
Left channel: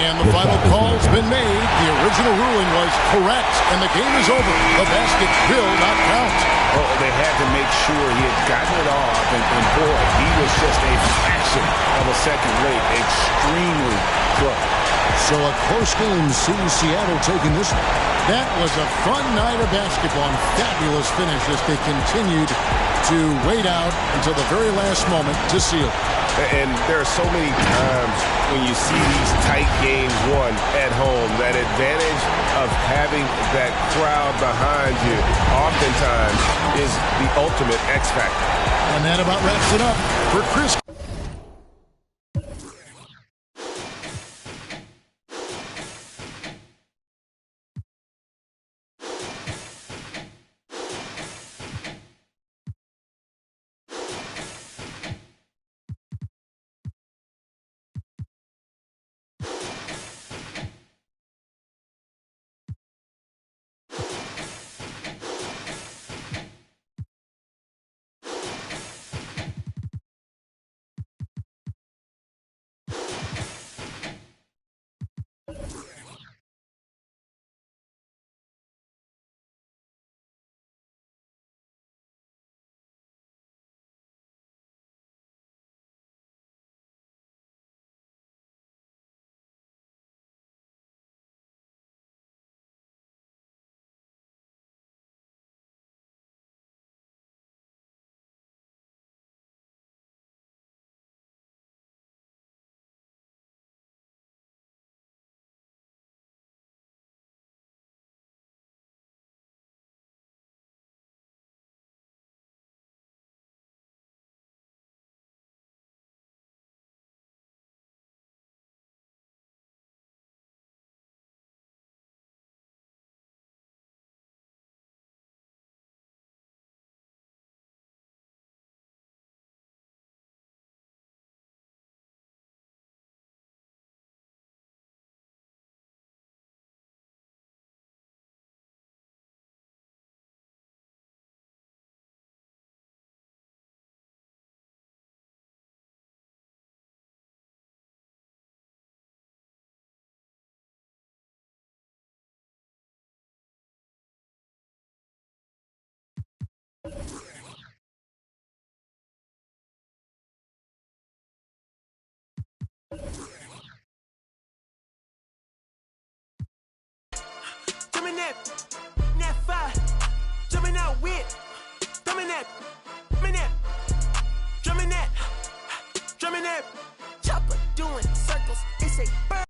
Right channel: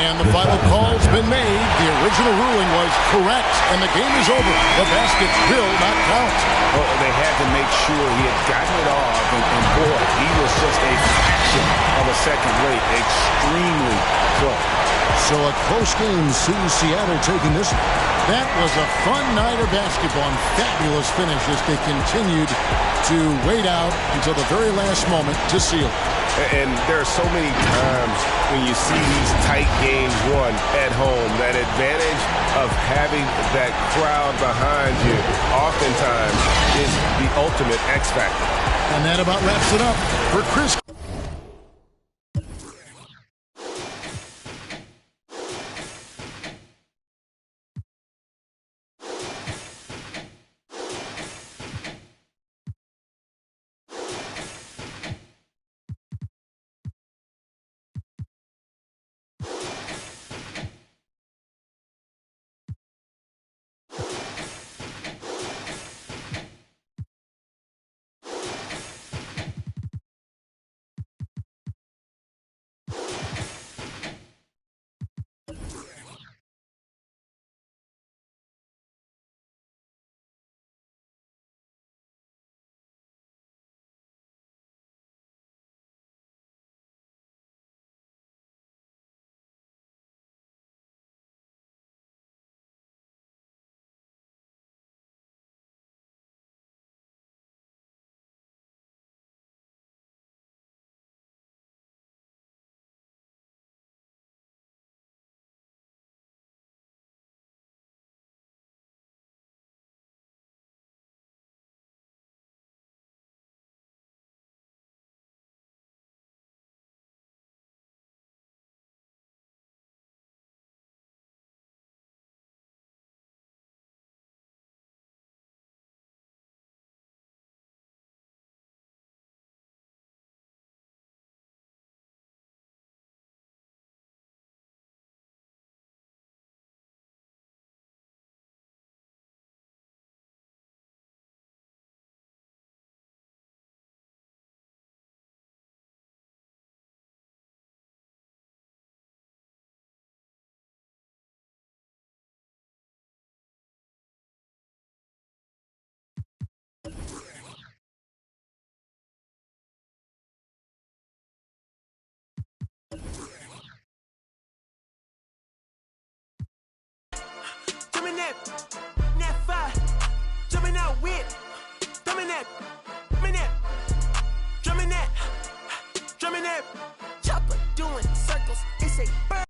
And the final call's been made. The original ruling was correct, and the game is over. The basket will not count. Well, they had to make sure he had gotten it off, and boy, he was just a fraction of a second late. Extremely close. So a close game sees Seattle taking this one. That was a fun night of basketball and fabulous finish as they continued to wait out until the very last moment to seal it. And there are so many times when you see these tight games won at home, that advantage of having that crowd behind you oftentimes is the ultimate X factor. And that about wraps it up for Chris. That fire, jumping out with, drumming that, drumming that, chopper doing circles. It's a bird.